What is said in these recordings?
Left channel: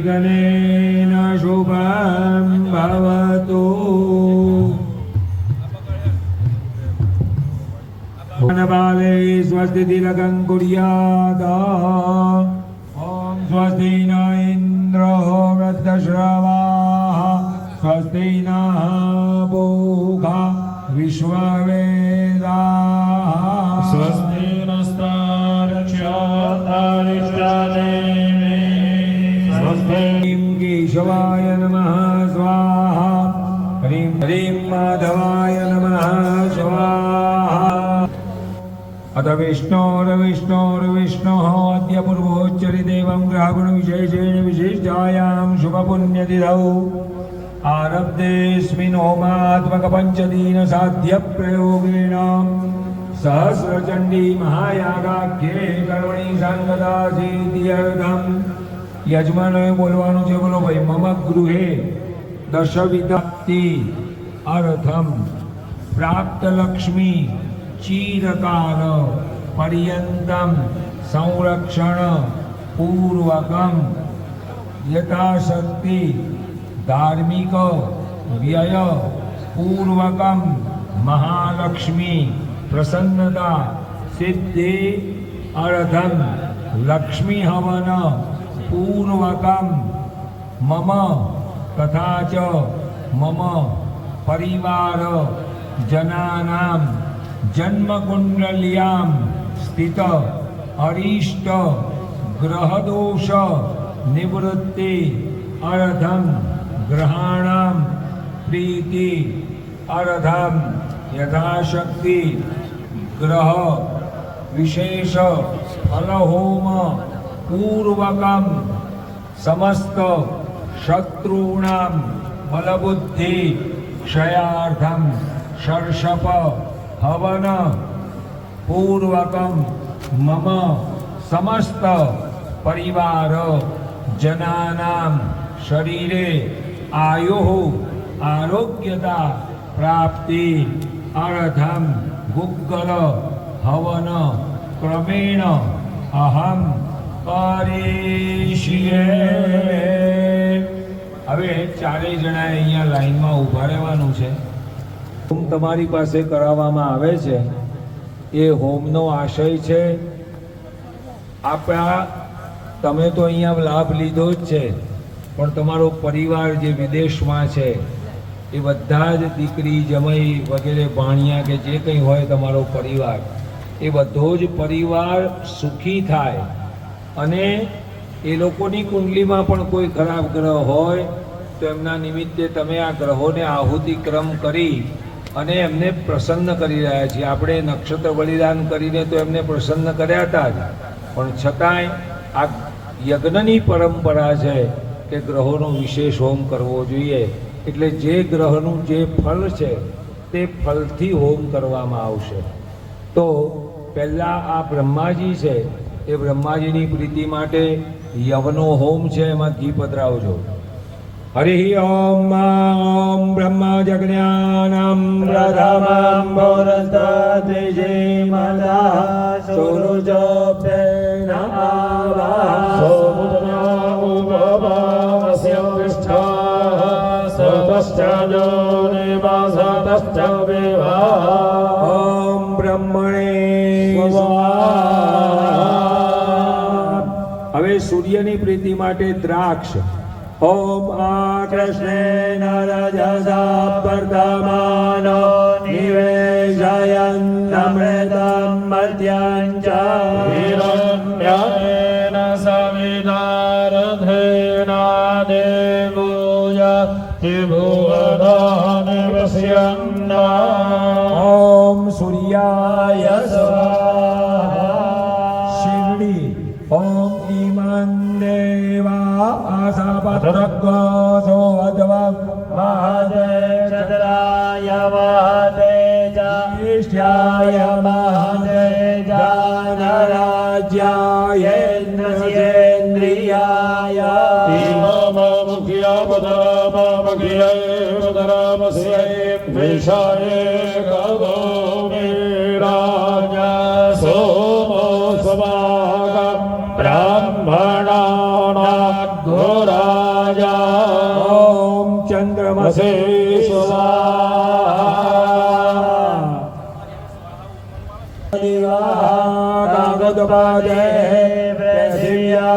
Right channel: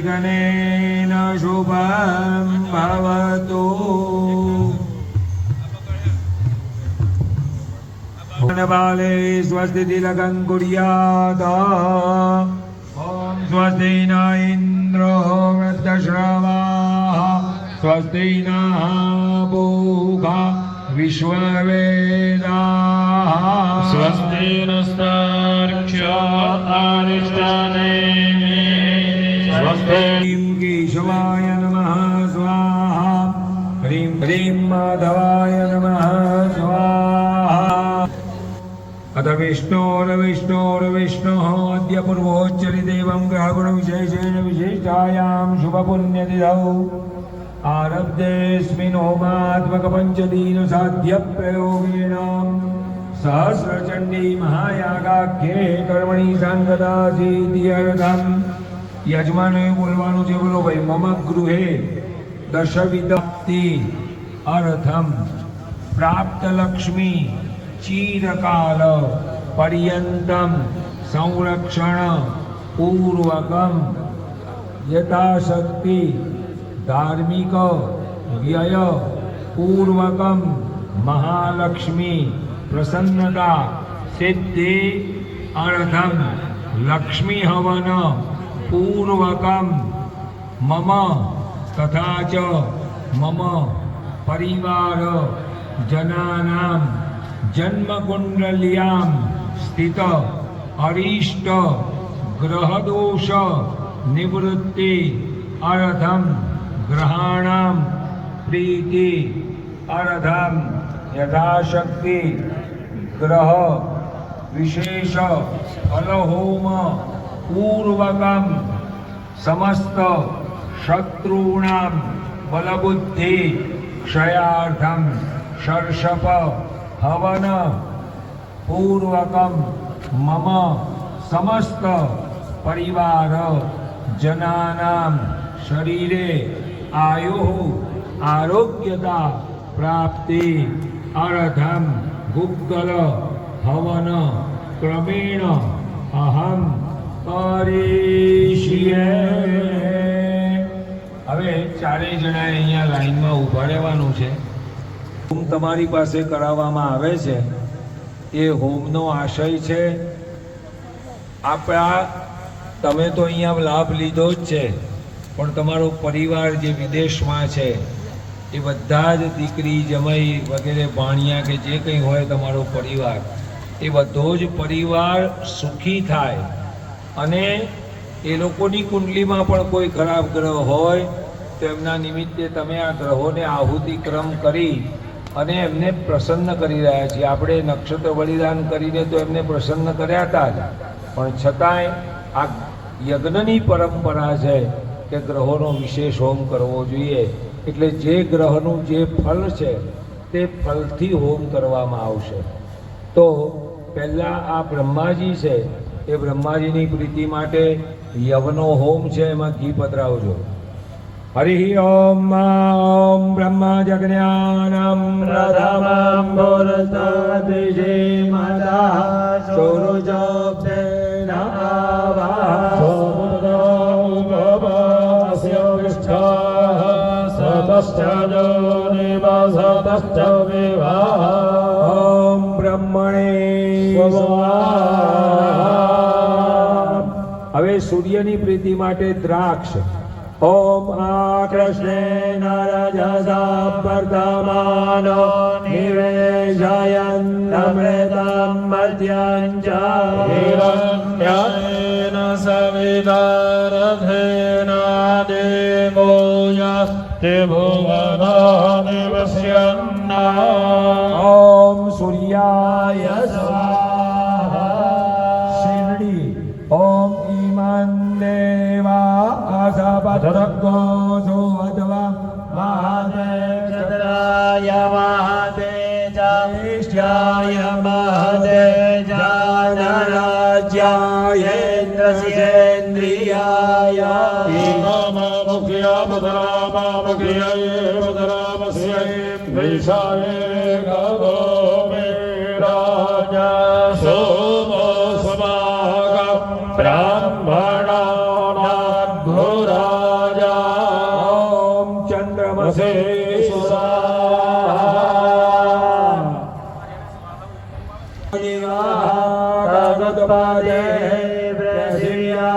निर्विघ्नेन शुभं भवतु। बाले स्वस्ति तिलकं कुर्यात्। ॐ स्वस्ति न इन्द्रो वृद्धश्रवाः स्वस्ति नः पूषा विश्ववेदाः स्वस्ति नस्तार्क्ष्यो अरिष्टनेमि स्वस्ति केशवाय नमः स्वाहा। ह्रीं ह्रीं माधवाय नमः स्वाहा। अथ विष्णोर्विष्णोः अद्य पूर्वोच्चरितेवं ग्रहगुणविशेषेण विशिष्टायां शुभपुण्यतिथौ आरब्धेऽस्मिन् होमात्मकपञ्चदिनसाध्यप्रयोगेण सहस्रचण्डी महायागाख्ये कर्मणि साङ्गदासीत्यर्थं યજમાનોએ બોલવાનું છે, બોલો ભાઈ. મમ ગૃહે દશવિધપ્તિ અર્થમ પ્રાપ્ત લક્ષ્મી ચીરકાલ પર્યંતમ સંરક્ષણ પૂર્વકમ યથાશક્તિ ધાર્મિક વ્યય પૂર્વકમ મહાલક્ષ્મી પ્રસન્નતા સિદ્ધિ અર્થમ લક્ષ્મી હવન પૂર્વકમ મમ તથા ચ મમ પરિવાર જનાનામ જન્મકુંડલ્યામ સ્થિત અરિષ્ટ ગ્રહદોષ નિવૃત્તિ અર્થમ ગ્રહાણામ પ્રીતિ અર્થમ યથાશક્તિ ગ્રહ વિશેષ ફલહોમ પૂર્વકમ સમસ્ત શત્રુણામ બલબુદ્ધિ ક્ષયાર્થમ શર્ષપ હવન પૂર્વકમ મમ સમસ્ત પરિવાર જનાનામ શરીરે આયુઃ આરોગ્યતા પ્રાપ્તિ અર્થમ ગુગ્ગલ હવન ક્રમેણ અહમ કરીષ્યે. હવે ચારેય જણાએ અહીંયા લાઈનમાં ઊભા રહેવાનું છે. હોમ તમારી પાસે કરાવવામાં આવે છે. એ હોમનો આશય છે આપણા, તમે તો અહીંયા લાભ લીધો જ છે, પણ તમારો પરિવાર જે વિદેશમાં છે એ બધા જ દીકરી જમાઈ વગેરે ભાણિયા કે જે કંઈ હોય તમારો પરિવાર, એ બધો જ પરિવાર સુખી થાય. અને એ લોકોની કુંડલીમાં પણ કોઈ ખરાબ ગ્રહ હોય તો એમના નિમિત્તે તમે આ ગ્રહોને આહુતિક્રમ કરી અને એમને પ્રસન્ન કરી રહ્યા છીએ. આપણે નક્ષત્ર બલિદાન કરીને તો એમને પ્રસન્ન કર્યા હતા જ, પણ છતાંય આ યજ્ઞની પરંપરા છે કે ગ્રહોનો વિશેષ હોમ કરવો જોઈએ. એટલે જે ગ્રહનું જે ફળ છે તે ફળથી હોમ કરવામાં આવશે. તો પહેલાં આ બ્રહ્માજી છે, એ બ્રહ્માજીની પ્રીતિ માટે યવનો હોમ છે, એમાં ઘી પધરાવજો. હરિ ઓમ ઓમ બ્રહ્મ જજ્ઞાનમ પ્રથમં પુરસ્તદ્વિષીમદઃ સુરુચોપેન આવાહ સોમુદ્રમુપવાસ્ય પૃષ્ઠઃ સપશ્ચજો નિવસતશ્ચ વિવાહ. ઓમ બ્રહ્મણે સ્વાહા. હવે સૂર્યની પ્રીતિ માટે દ્રાક્ષ. ઓમ આકૃષ્ણેન રજસા વર્ધમાનો નિવેશયન અમૃતં મર્ત્યં ચ હિરણ્યેન સવિતારથેન દેવો યાતિ ભુવનાન પશ્યન્ના. ઓમ સૂર્યાય સ્વાહા. શિરડી. ઓમ ઈમં દેવા આસાપતરગ્ગો સોઅધવા મહાદેવ ચંદ્રાય મહાદેવ જ્યેષ્ઠાય મહાદેવ જ્ઞાનરાજ્યાય ઇન્દ્રસેન્દ્રિયાય ઇમમ મુખ્યા પદરામુખ્યૈ પદરામસ્યૈ વિષાયે ગર્ભો વિરાજા સોમો સ્વાગા બ્રાહ્મણાના ઘોરા मनसे स्वाहा कागदपादे प्रसिद्धायामा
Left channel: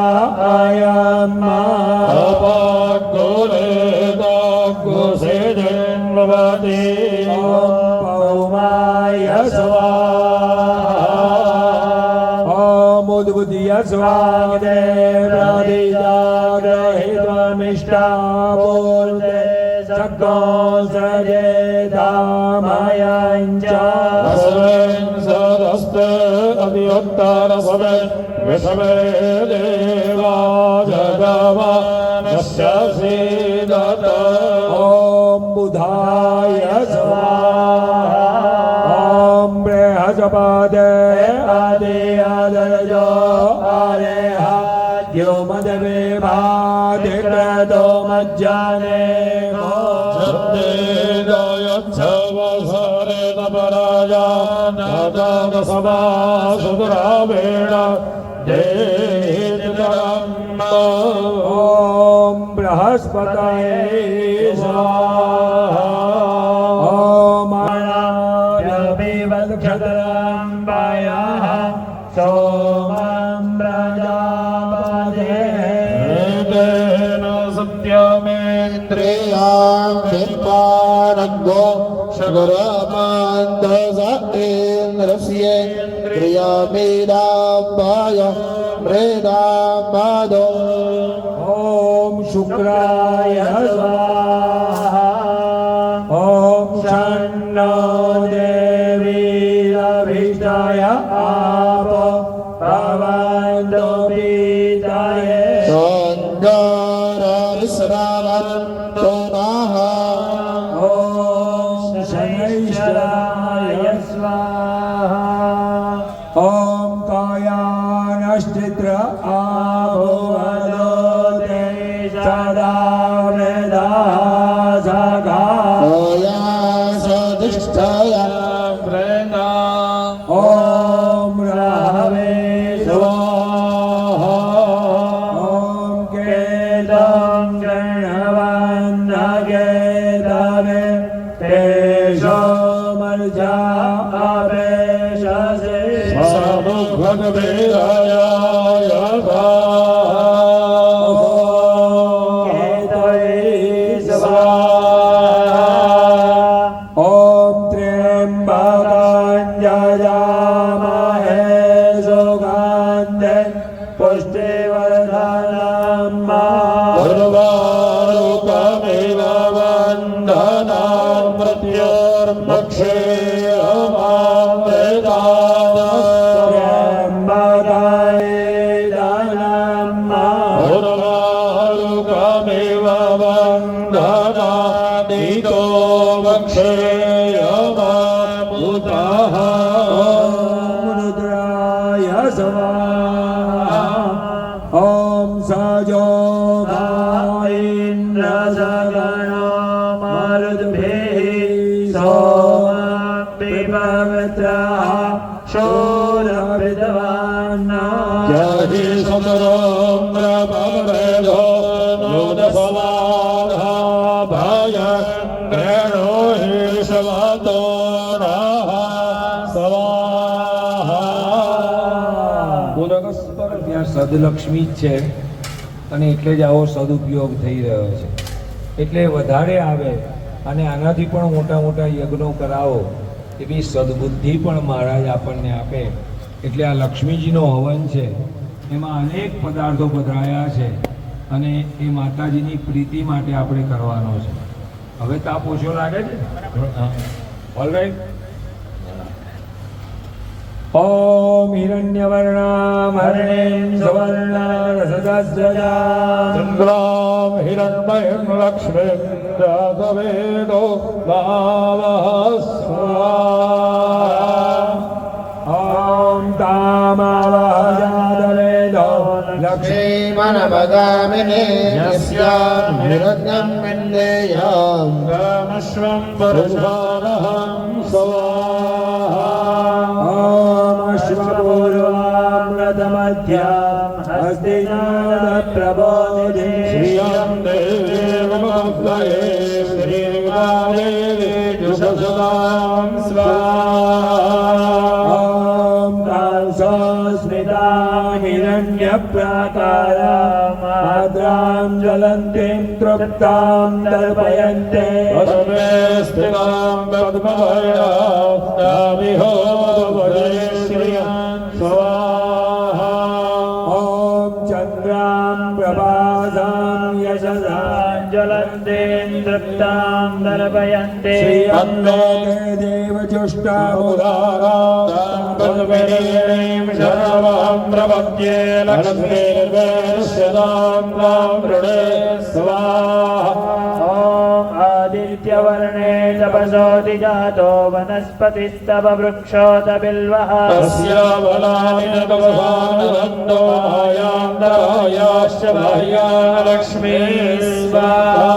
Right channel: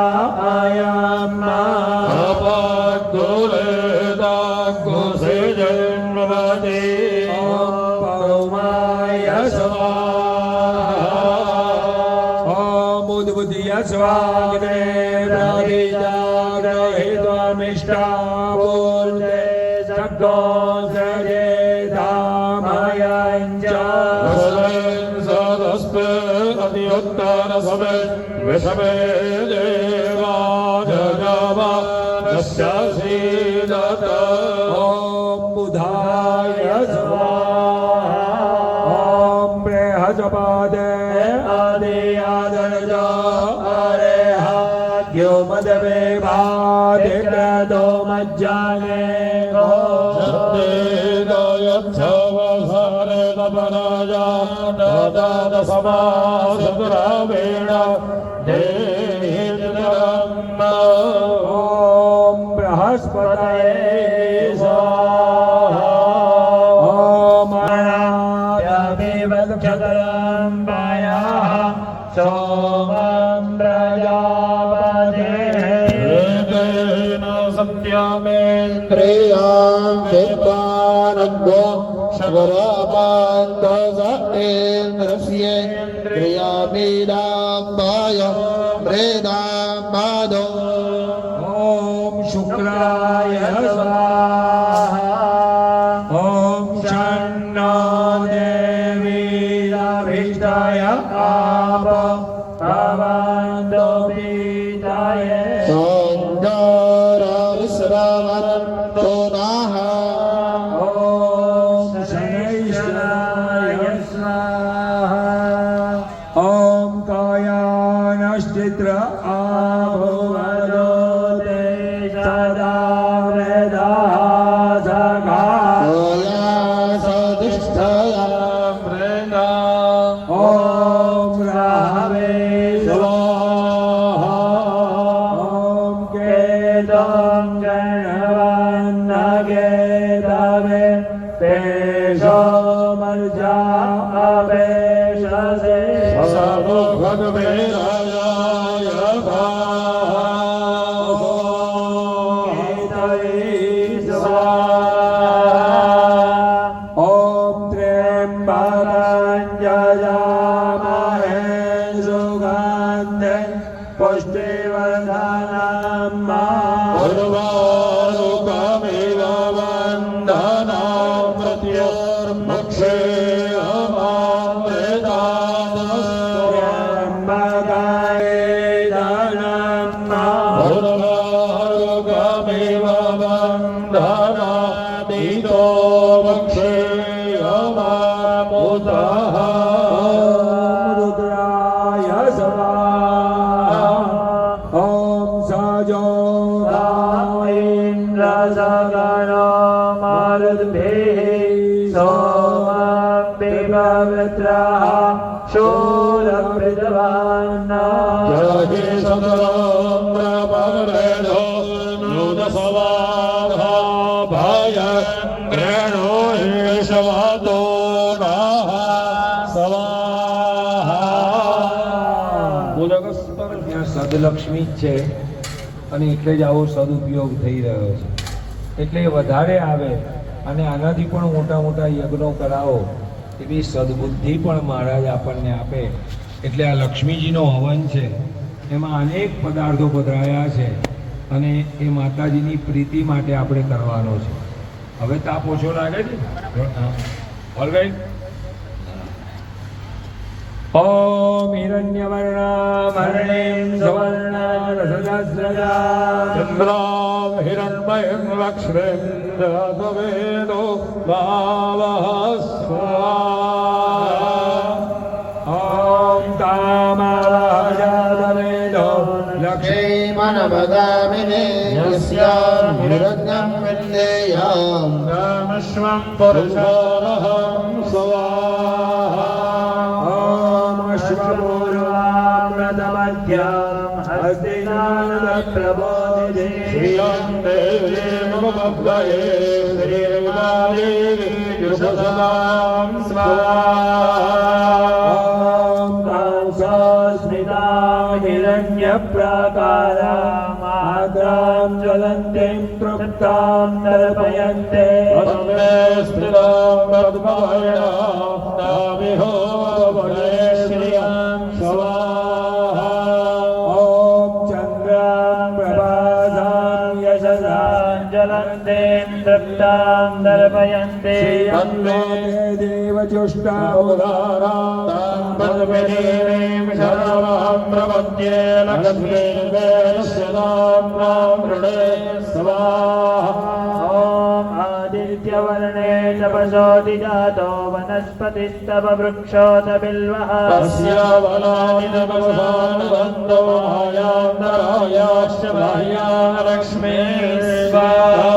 अपाग्गोलेदाग्गोसे जन्मवादे पौमाय स्वाहा ॐ उद्बुद्धय स्वामिने प्रदिदाग्रहित्वमिष्टा बोले सद्गो सजे धामयञ्च विषमे देवा जगवा नश्यसीदत ॐ बुधाय स्वाहा ॐ बृहस्पते आदियादर्जो आरेह द्योमदवे भादिक्रतो मज्जाने ॐ बृहस्पतये स्वाहा ॐ अणाभ्यभिवक्षतरम्बयाः सोमं प्रजापतेः सत्यमेन्द्रियां विद्वानज्ञो शकुरपान्तसतेन्द्रस्येन्द्रियामीडाम्बाय मृदामादो ॐ शुक्राय स्वाहा ॐ शन्नो देवीरभीष्टाय आप भवन्तु पीताय सञ्जारविश्रावन्तो नः ॐ शनैश्वराय स्वाहा ॐ कायानश्चित्र आभुवदोते सदा वेदासगा सदिष्ठया प्रेरणा ॐ राहवे स्वाहा ॐ केतं गणवन्नगेतवे तेषो मर्जा अपेशसे भगवेदाय ॐ त्र्यम्बकाञ्जयामहे सुगन्धे पुष्टिवर्धनम् उर्वारुकमेव वन्दनां मृत्युर्मक्षेयमामृतात् उर्वारुकमेव वन्दनादितो मक्षेयमामुतः रुद्राय स्वाहा ॐ सजो इन्द्रसगणो मरुद्भिः सोमं पवित्रः शूरभृतवान् जहि समुद्रपवरेधो नूनसवाहा भयङ्ग्रणो हि शवतो नः स्वाहा ત્યાં સદલક્ષ્મી જ છે અને એટલે જ આવો સદુપયોગ થઈ રહ્યો છે એટલે વધારે આવે અને આનાથી પણ મોટા મોટા યજ્ઞો કરાવો એવી સદબુદ્ધિ પણ મહારાજ આપણને આપે એટલે આ લક્ષ્મીજીનો હવન છે એમાં અનેક પદાર્થો પધરાયા છે અને એ માતાજીની પ્રીતિ માટે આપણે કરવાનો છે હવે તાપ ઓછો લાગે છે ઓલરાઈટ ॐ हिरण्यवर्णामरणीं सुवर्णसहस्रदाम् इन्द्रां हिरण्मयं लक्ष्मीं जातवेदो भावः स्वाहा ॐ तामावजातवेदो लक्ष्मीमनवगामिने यस्यां हिरण्यं विन्देयं रामश्वं पुरुषोरहं स्वाहा अश्वपूर्वामृतमध्याम् हस्तिनादप्रबोधिते श्रियं देवी मम द्वये श्रिय तृप्तां दर्पयन्ते वसुमे स्थिरां पद्मवर्णाविहोदभजे श्रियां स्वाहा ॐ चन्द्रां प्रभासां यशसां ज्वलन्तीं तृप्तां दर्पयन्ते श्रियन्लोके देवचुष्टामुदारां पद्मिनीं शरणं प्रपद्ये लक्ष्मीर्वेणस्य नाम्नां वृणे स्वाहा ॐ आदित्यवर्णे तपसोऽधि जातो वनस्पतिस्तव वृक्षोत बिल्वः तस्यावलानि न कवसानन्दमायान्तरायाश्च बाह्या लक्ष्मी स्वाहा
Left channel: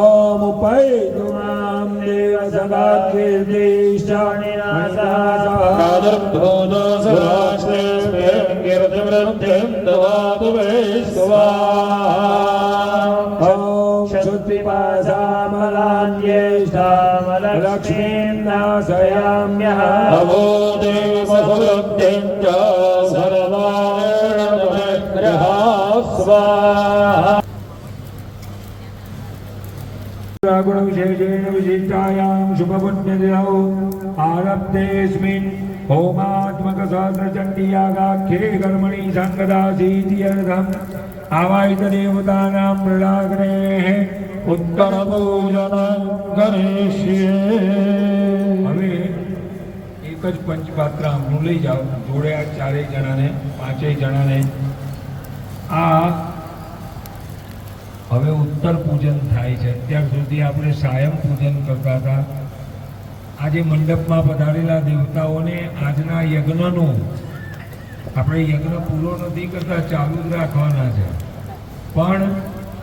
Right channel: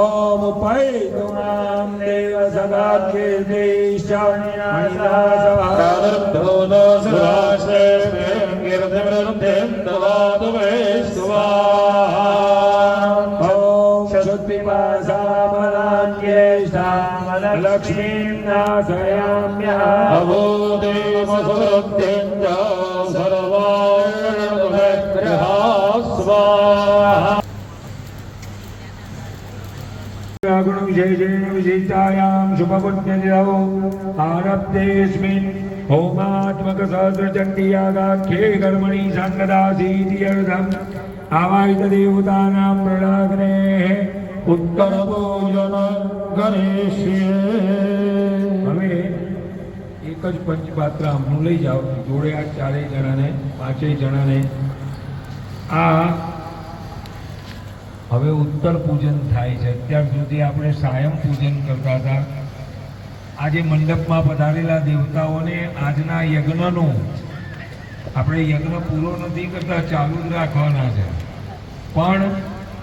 ॐ उपैतुमां देवसगाकीर्तिश्चानिनाशाः तादृक्तो सुराश्रेष्ठें कीर्तिवृद्धिं ददातु वै स्वाहा ॐ क्षुत्पिपासामलान्येषामलक्ष्मीं नाशयाम्यहम् अभूतिमसुवृद्धिं च सर्वायणविग्रहा स्वाहा गुणविशेषेण विशिष्टायां शुभपुण्यदिनौ आरब्धेऽस्मिन् होमात्मकसहस्रचण्डीयागाख्ये कर्मणि सङ्गदासीत्यर्थम् आवाहितदेवतानां मृडाग्नेः उत्तरपूजन करिष्ये હવે એક જ પંચપાત્ર આમનું લઈ જાઓ જોડે આ ચારેય જણાને પાંચેય જણાને આ હવે ઉત્તર પૂજન થાય છે અત્યાર સુધી આપણે સાયમ પૂજન કરતા હતા આજે મંડપમાં પધારેલા દેવતાઓને આજના યજ્ઞનું આપણે યજ્ઞ પૂરો નથી કરતા ચાલુ જ રાખવાના છે પણ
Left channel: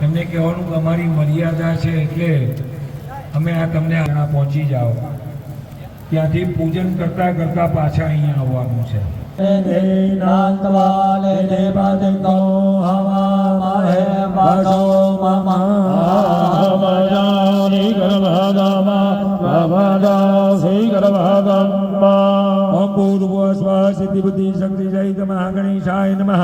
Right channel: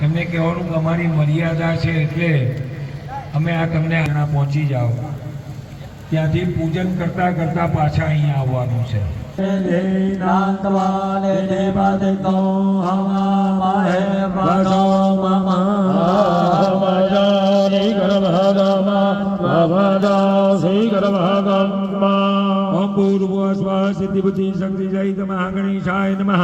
એમને કહેવાનું કે અમારી મર્યાદા છે એટલે અમે આ તમને અહીંયા પહોંચી જાઓ ત્યાંથી પૂજન કરતા કરતા પાછા અહીંયા આવવાનું છે सिद्धिबुद्धि शक्ति सहित महागणेशाय नमः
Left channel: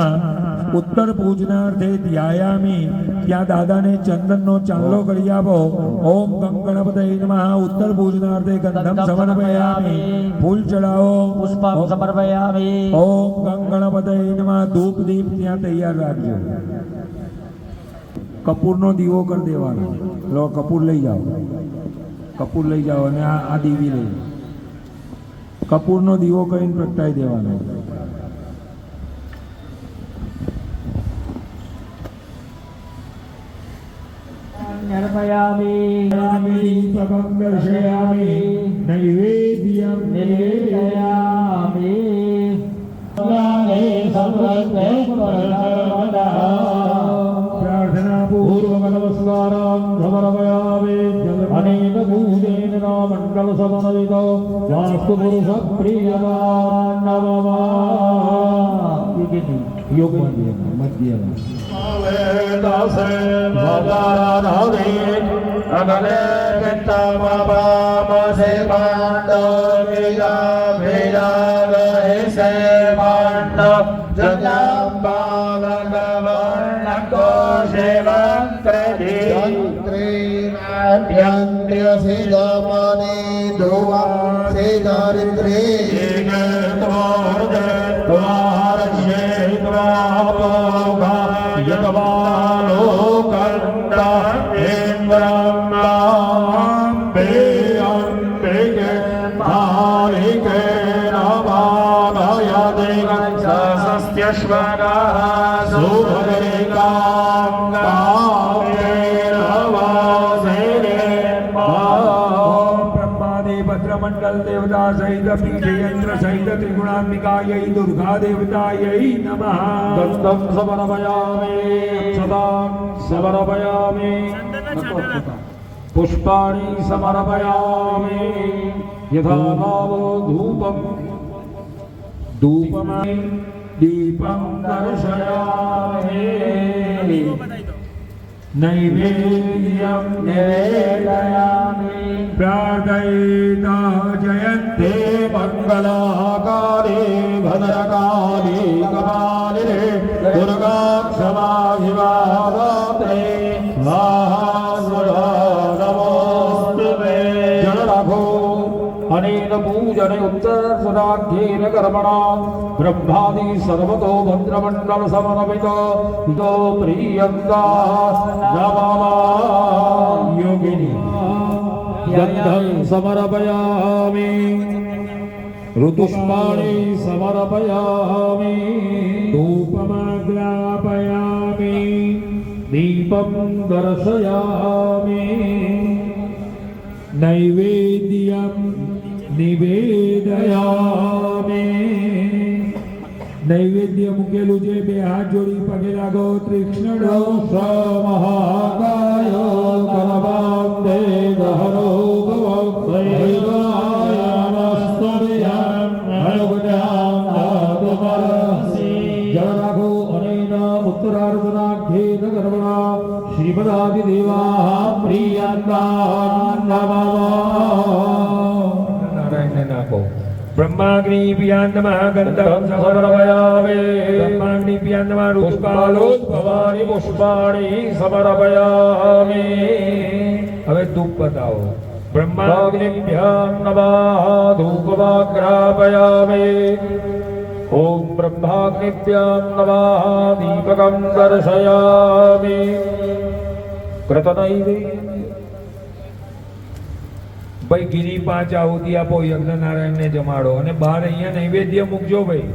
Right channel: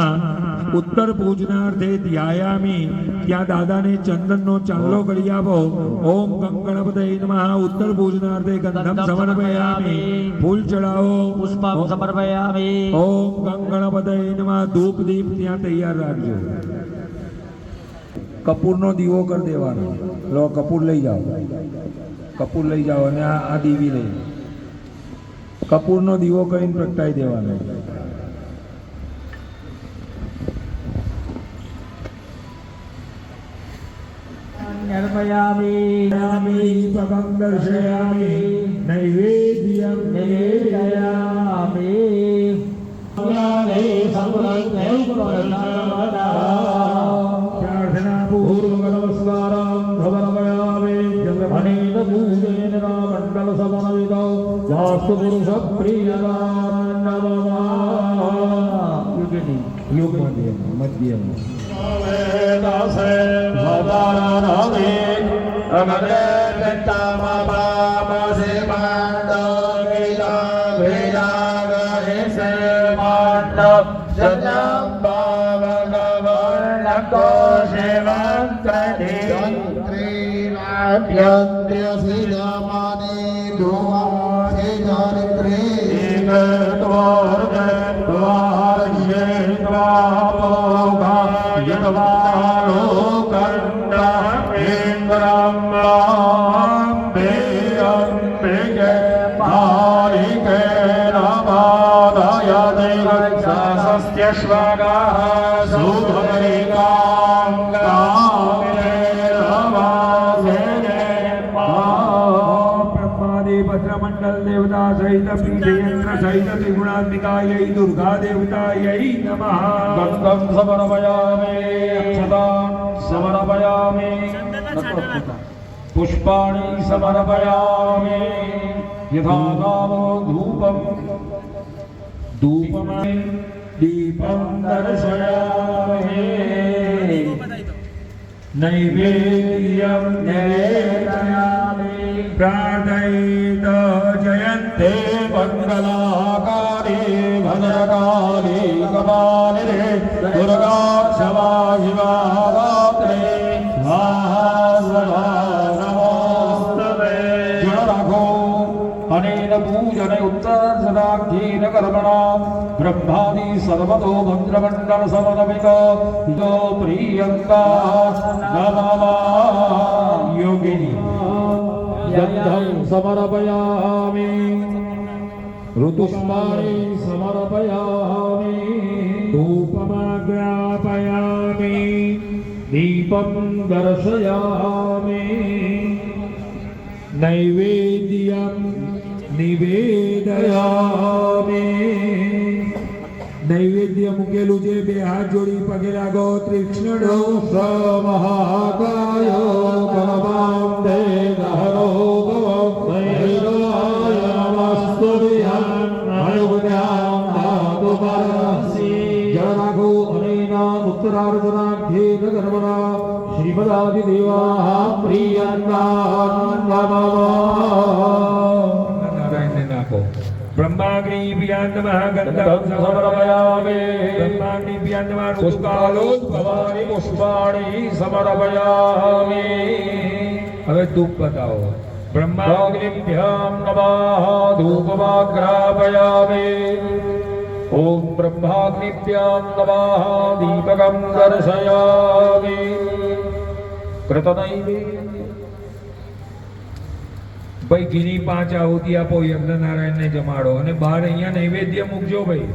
उत्तर पूजनार्थे ध्यायामि क्या दादा ने चंदन नो चांदलो करी आपो ओम गंगणपतये नमः उत्तर पूजनार्थे गंधम समर्पयामि फूल चढ़ाओ पुष्पम समर्पयामि ओम गंगणपतये नमः धूप दीप ત્યાં તૈયાર રાખજો કપૂરનો દીવો કરી દેવાનો લો કપૂર લઈ જાઓ અને આ દીવી લઈ કપૂરનો દીવો કરીને પ્રગટાઈ દેવાનો निर्मयामि દીપકં દર્શયામિ નૈવેદ્યં निवेदयामि પ્રાર્થના પૂર્વક નમસ્કારં સમર્પયામિ અનેક પૂજેન મંડળ સદનવિદો વાસ્તુ પુરુષ પ્રિયવાન નમઃ યોગ મધ્ય दासे भवानादे अगले पितामहासे पाण्डव वीरा वीरा गहे से पाण्डव जलाम्बावनवर्णको सेवन्त्री श्रीराभ्यन्त्रियसिदमणि धुमा श्रीधरित्री भद्रमंडल देवता सहित पीठयंत्र सहित त्रिगुणात्मिकायै दुर्गा देवतायै नमः गन्धं समर्पयामि अक्षतां समर्पयामि पुष्पाणि समर्पयामि यथा नामो धूपं धूपमयं दीपं दर्शयामि नैवेद्यं निवेदयामि प्रार्थयेत जयन्ते मङ्गलाकारे भद्रकाली कपालिने दुर्गा क्षमा शिवा पूजन उत्तरार्धनाख्येन कर्मणा ब्रह्मादि सर्वतो भद्रमण्डल समन्वितो यो प्रीयन्ताः नमः योगिनी गन्धं समर्पयामि ऋतुष्माणि समर्पयामि धूपमाग्रापयामि दीपं दर्शयामि नैवेद्यं निवेदयामि नैवेद्य મૂકેલું છે બે હાથ જોડી પગે લાગો કૃષ્ણનો મહાકાય પરમામ દે દહરો ગવૈરાય નમસ્તુભ્યં હરિભુજાં આતુપરસી જળ રાખો અનેના ઉત્તરાર્ધનાખ્યેન કર્મણા શ્રીમદાદિદેવાઃ પ્રિયંતા નમઃ નારાયણને નાખો બ્રહ્માગ્નિ પ્રિયાન્તમઃ ગંધમ સમર્પયામિ બ્રહ્માગ્નિ પ્રિયાન્તમઃ પુષ્પાલોદ્ભવાનિ પુષ્પાણિ સમર્પયામિ હવે ધૂપ બતાવો બ્રહ્માગ્નિભ્યામ નમઃ ધૂપમાગ્રાપયામિ ઓમ બ્રહ્માગ્નિભ્યામ નમઃ દીપકં દર્શયામિ કૃતનૈવેદ્ય ભાઈ ગીરી 5 આહુતિ આપો યજ્ઞનારાયણને જમાડો અને બહાર અહીંયા નૈવેદ્ય મૂકજો ભાઈ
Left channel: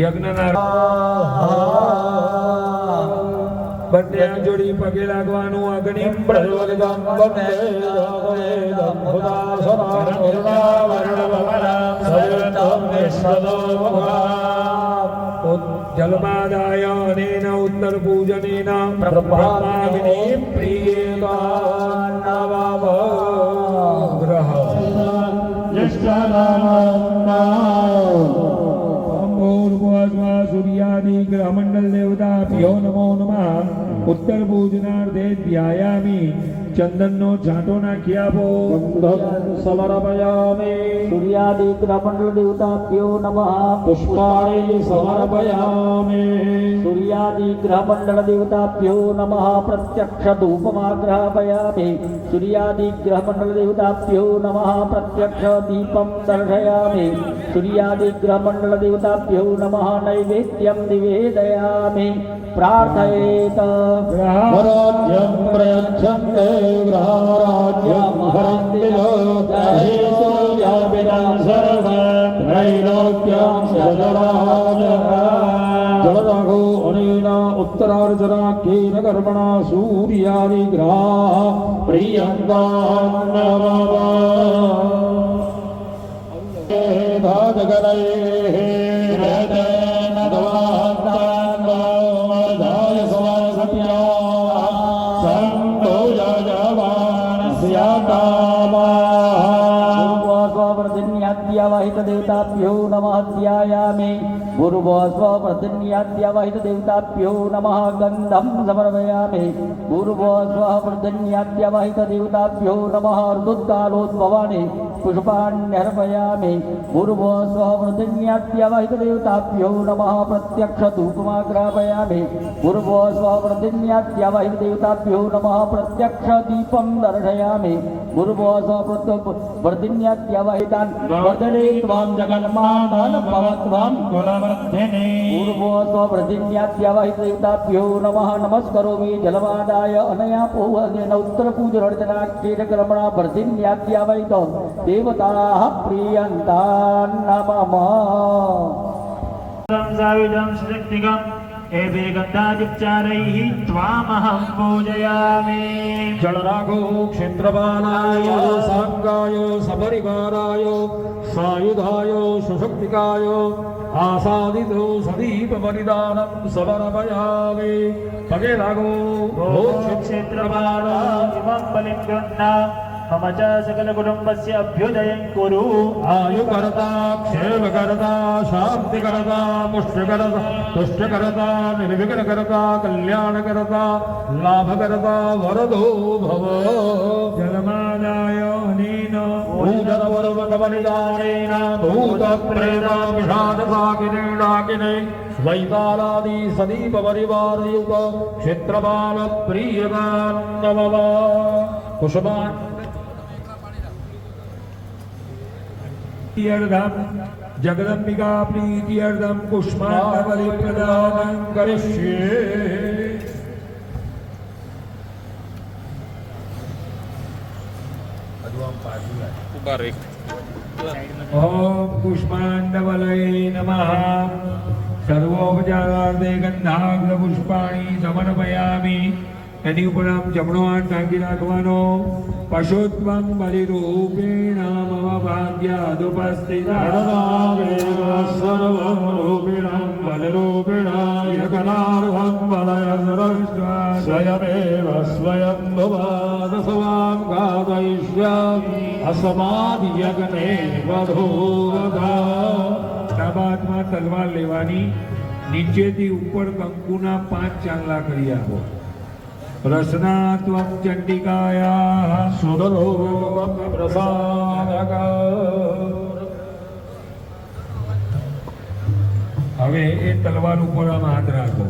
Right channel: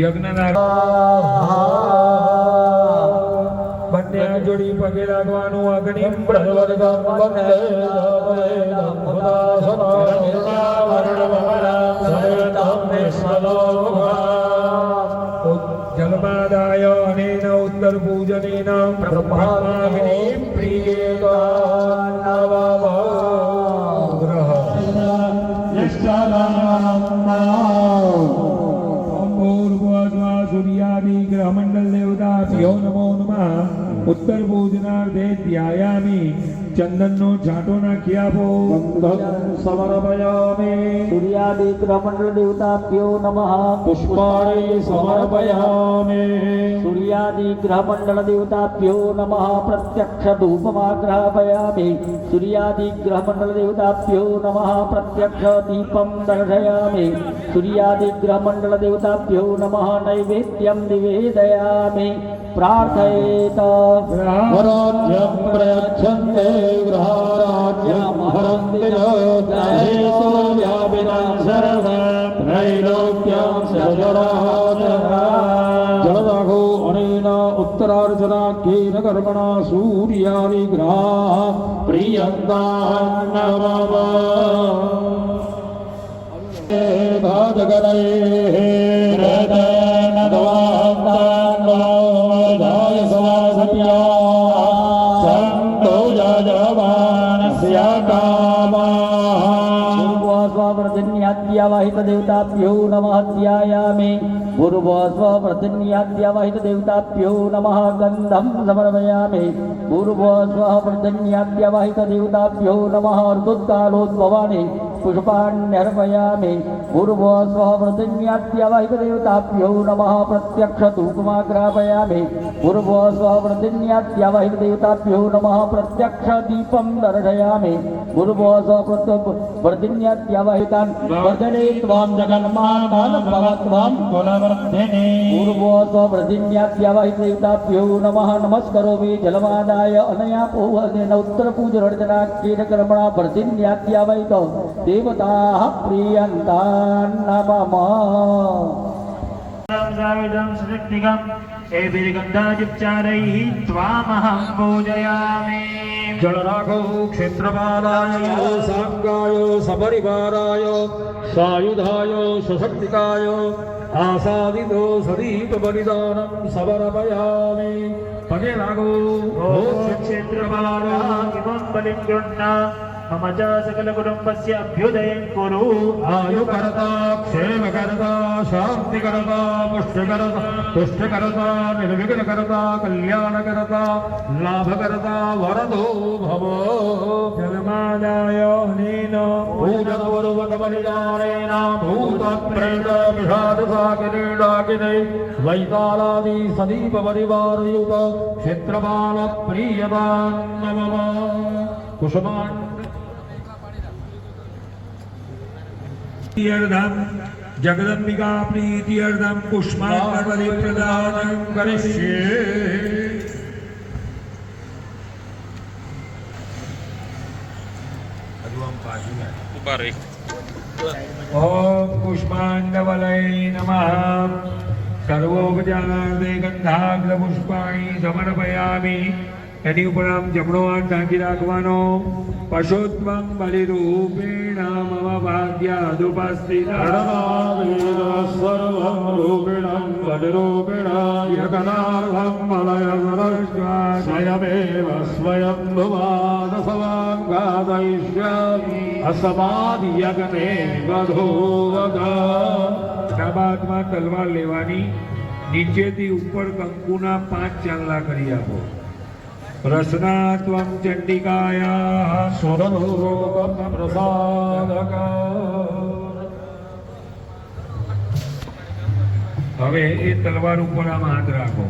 યજ્ઞનારાયણ બંને હાથ જોડી પગે લાગવાનું અગ્નિ પ્રજ્વલિતં વંદે વેદં જલમાદાય અનેન ઉત્તર પૂજનેન બ્રહ્માગ્નિ પ્રિયેન નમઃ ગ્રહ સૂર્યાદિ ગ્રહમંડલ દેવતાભ્યો નમો નમઃ ઉત્તર પૂજનાર્થે ધ્યાયામિ ચંદનનો છાંટો નાખી આપો સમર્પયામિ સૂર્યાદિ ગ્રહમંડળ દેવતાભ્યો નમઃ પુષ્પાણિ સમર્પયામિ સૂર્યાદિ ગ્રહમંડળ દેવતાભ્યો નમઃ પ્રત્યક્ષ ધૂપમાગ્રાપયામિ સૂર્યાદિ ગ્રહમંડળ દેવતાભ્યો નમઃ પ્રત્યક્ષ દીપં દર્શયામિ સૂર્યાદિ ગ્રહમંડળ દેવતાભ્યો નમઃ નૈવેદ્યં નિવેદયામિ પ્રાર્થયેત ગ્રહારાધ્યં પ્રયચ્છન્તે ગ્રહારાધ્યં હરન્તિ લોકાહેતુ વ્યાપિतं સર્વં त्रैलोक्यं સજરાજરા જળરાઘો અનેના ઉત્તરાર્ધનાખ્યેન કર્મણા સૂર્યાવિગ્રહાઃ પ્રિયંતા નમઃ देवताभ्यो नमः ध्यायामि पूर्वस्ववर्धन्याद्यावहित देवताभ्यो नमः गन्धं समर्पयामि पूर्वस्ववर्धन्याद्यावहित देवताभ्यो नमः ऋतुकालोद्भवानि पुष्पाण्यर्पयामि पूर्वस्ववर्धन्याद्यावहित देवताभ्यो नमः प्रत्यक्ष धूपमाग्रापयामि पूर्वस्ववर्धन्याद्यावहित देवताभ्यो नमः प्रत्यक्ष दीपं दर्शयामि पूर्वस्ववर्धन्याद्यावहितान् वर्धने त्वां जगन्मातान् भवत्वां कुलवर्धिनी पूर्वस्ववर्धन्याद्यावहित देवताभ्यो नमः नमस्करोमि जलमादाय अनया पूर्वजेन उत्तरपूजनाख्येन कर्मणा वर्धिन्याद्यावहित देवताः प्रियन्तान् नमः साविदं स्निग्धं एभिर्गन्धायुच्चारैः त्वामहं पूजयामि जलराघो क्षेत्रपालाय साङ्गाय सपरिवाराय सायुधाय सशक्तिकाय आसादितो सदीपबलिदानं समर्पयामि पगे लागो क्षेत्रपाला इमं बलिं गृह्णा मम च सकलकुटुम्बस्य अभ्युदयं कुरु आयुकर्ता क्षेमकर्ता शान्तिकर्ता पुष्टकर्ता तुष्टकर्ता निर्विघ्नकर्ता कल्याणकर्ता लाभकर्ता वरदो भव जलमादाय अनेन पूजनवर्वकमनिदानेन भूतप्रेम विषादसाकिरीडाकिने वैतालादि सदीपपरिवारयुत क्षेत्रपालप्रियतां नमः कुसुमान् પ્રીત્યર્થમ જગદંબિકા પ્રીત્યર્થમ પુષ્પાંજલિ પ્રદાનં કરિષ્યે. ઓમ પુષ્પાંડવલય નમઃ. સર્વોપચારાર્થે ગંધાગ્ર પુષ્પાણી સમર્પયામિ. એની ઉપર આમ જમણો હાથ ઢાંકી રાખવાનો. પશુત્વમ બલિરૂપેણ મમ ભાગ્યાદુપસ્થિતઃ સર્વં રૂપિણં બલરૂપિણ યજ્ઞાર્હં મલયવૃષ્ટ્વા સ્વયમેવ સ્વયં ભુવાદ સવાં ગાદયિષ્યામિ અસમાદ્યગ્ને વધૂવગા. ડાબાદમાં તલવાર લેવાની, નીચેથી ઉપર કંકુના 5 ચાંદલા કરી આપો. રસના ત્વં ચંડિકાયા સુરલોકમ પ્રસાદક. હવે એ તલવાર ઉપર આમ હાથ રાખો.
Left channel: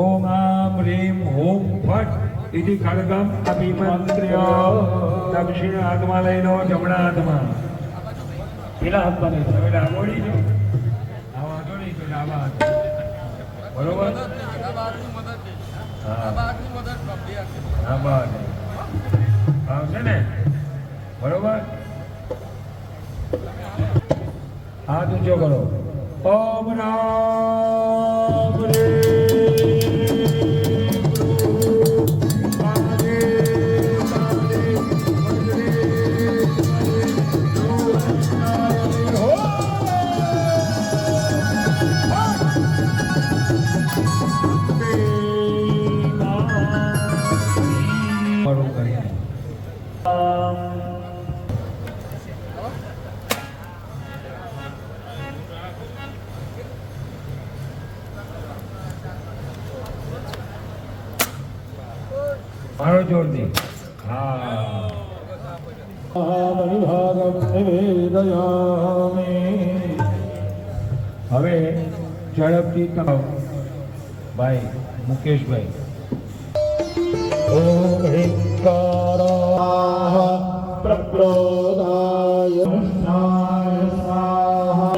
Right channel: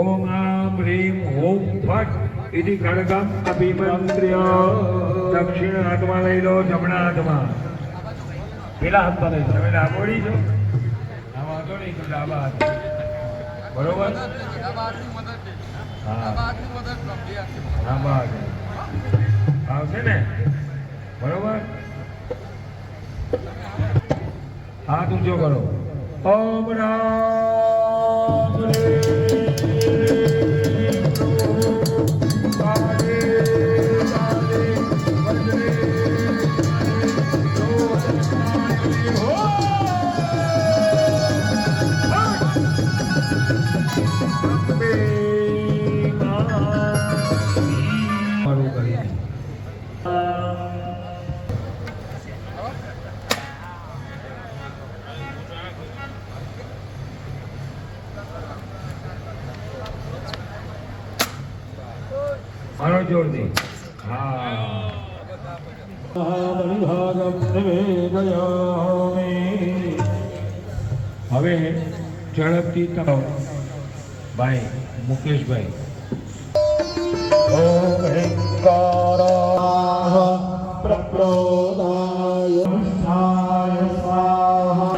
ઓમ આમ રીમ ઓમ ફટ ઇતિ ખડગમ અભિમંત્ર્ય. દક્ષિણ હાથમાં લઈ લો, જમણા હાથમાં. પેલા હાથમાં લઈ લો. તમે ડાબોડી છો, આ વાંધો નહીં તો ડાબા હાથ. બરોબર? હા બસ આવશે ને? બરોબર. હાથ ઊંચો કરો. ઓમ રામ મારું કરીને મારો જોરથી. હા મહામનિભાગમ નિવેદયામિ. હવે ઝડપથી તમે ભાઈ મુકેશભાઈ ઓમ હિંકારાઃ પ્રપ્રોદાય સ્વાહા સ્વાહા.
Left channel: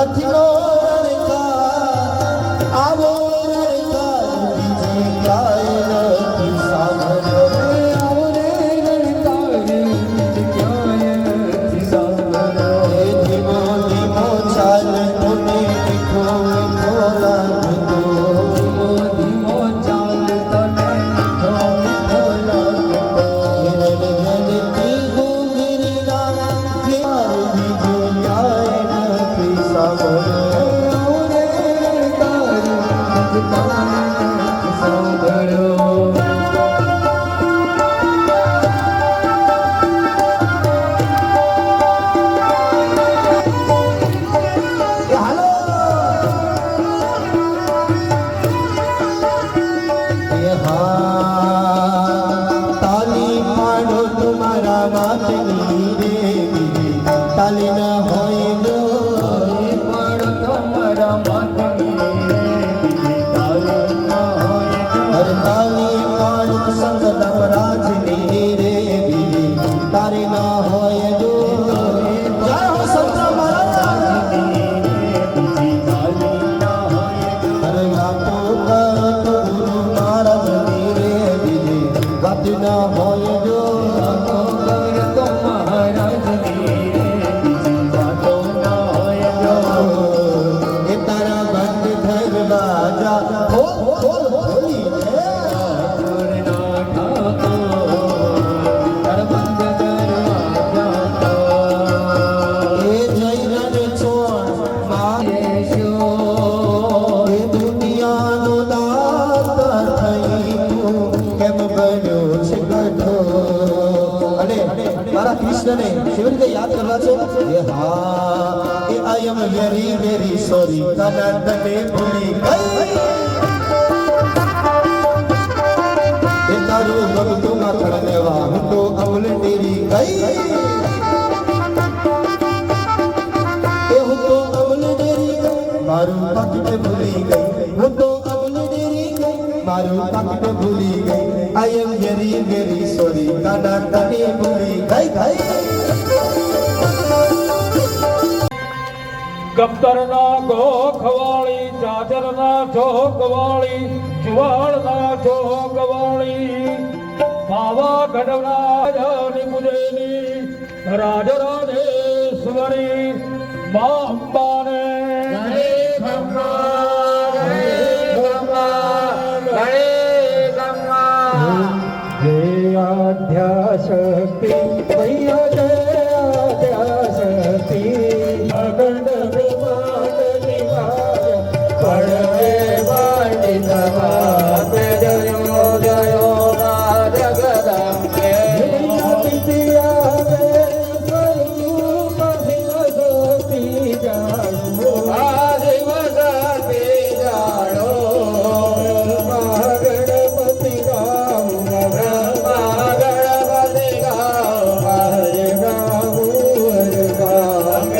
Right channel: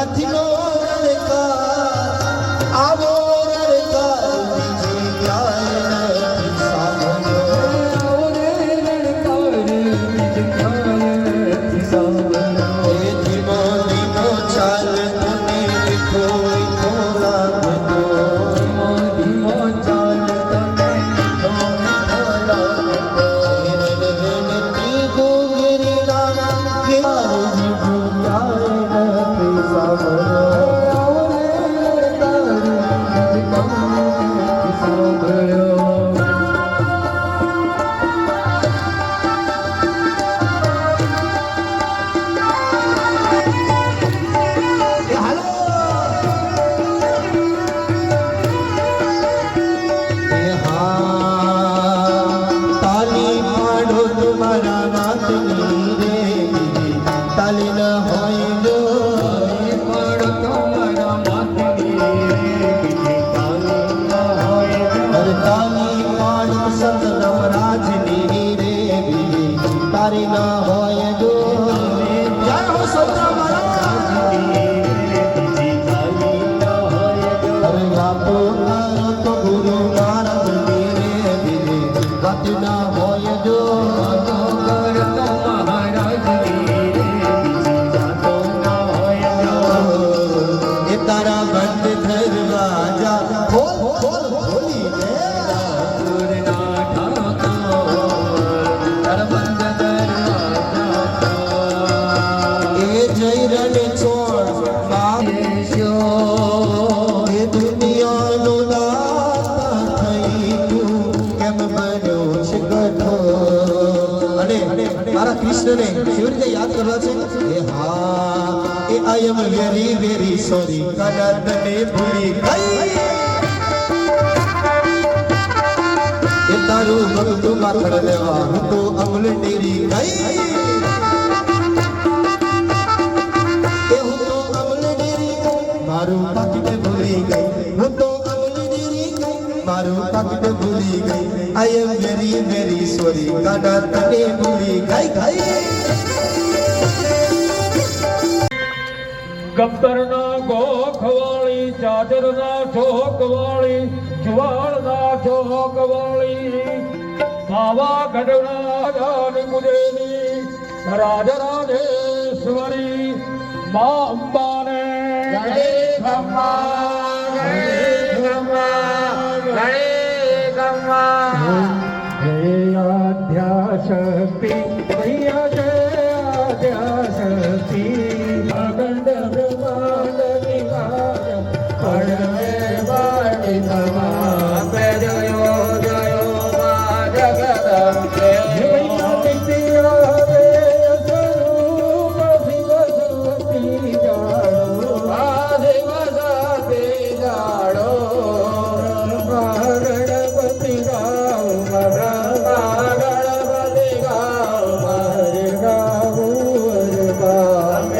સાથીનો રણકાર આવો રણકાર બીજે ક્યાંય નથી સાંભળ્યો. આવો રે રણકાર બીજે ક્યાંય નથી સાંભળ્યો. એ ધીમો ધીમો ચાલતો ને મીઠો મીઠો લાગતો. ધીમો ધીમો ચાલતો ને મીઠો મીઠો લાગતો. રણતી ગુંગીના ક્યાર બીજે ક્યાંય નથી સાંભળ્યો. આવો રે રણકાર બીજે ક્યાંય નથી સાંભળ્યો. એ હાલો એ હા તાલી પાડો તમારા વાતની રે તાલી ના હોય જો એ પણ તમારા માથની તાલી ના હોય જો. અરે તાલી પાડો સંત રાજની રે બીજી તારી ના હોય જો જય હો સંત અરે વાતો કરતો ગુરુ મહારાજની રે બીજી વાત ના હોય જો એ તારા બંધ દરવાજા ખોલ ખોલ ખોલી દે. એ જય રણ છોડ એ દુનિયાનો દાતા થઈ તું કેમ બન્યો છે ગઠો. અને મારા કૃષ્ણને કેવી રીતે યાદ કરવા છે? એ હા એ આઈ એમ વેરી વેરી સોરી કાના તને ભૂલી ગઈ. એ તારું ભગતું ના ખડલેવા હું તો અમલ ડેરી ગઈ. એ હું તો અમલ ડેરી મારું પાકીટ ભૂલી ગઈ. હું તો અમલ ડેરી મારું પાકીટ ભૂલી ગઈ. આઈ એમ વેરી વેરી સોરી કાના તને ભૂલી ગઈ ગઈ. ગબ્બરના ગોખવાળી ચાદરના ચોકવાળી જુવાળના ચોકવાળી પાવાગઢના રાની કુદેની રાજરાધેશ્વરી મા અંબાને જય આદ્યાશક્તિ મૈયા જય આદ્યાશક્તિ અખંડ બ્રહ્માંડની વાર પડવે વાણી તમાર જયો જયો મા જગદંબે. હે મૈયા પિતિયા હે સ્વરૂપ શિવ શક્તિ જાણો. આ શિવ શક્તિ જાણો. ગણપતિ ગાઓ ગણપતિ ગાઓ હરે ગાઓ હરે ગાઓ.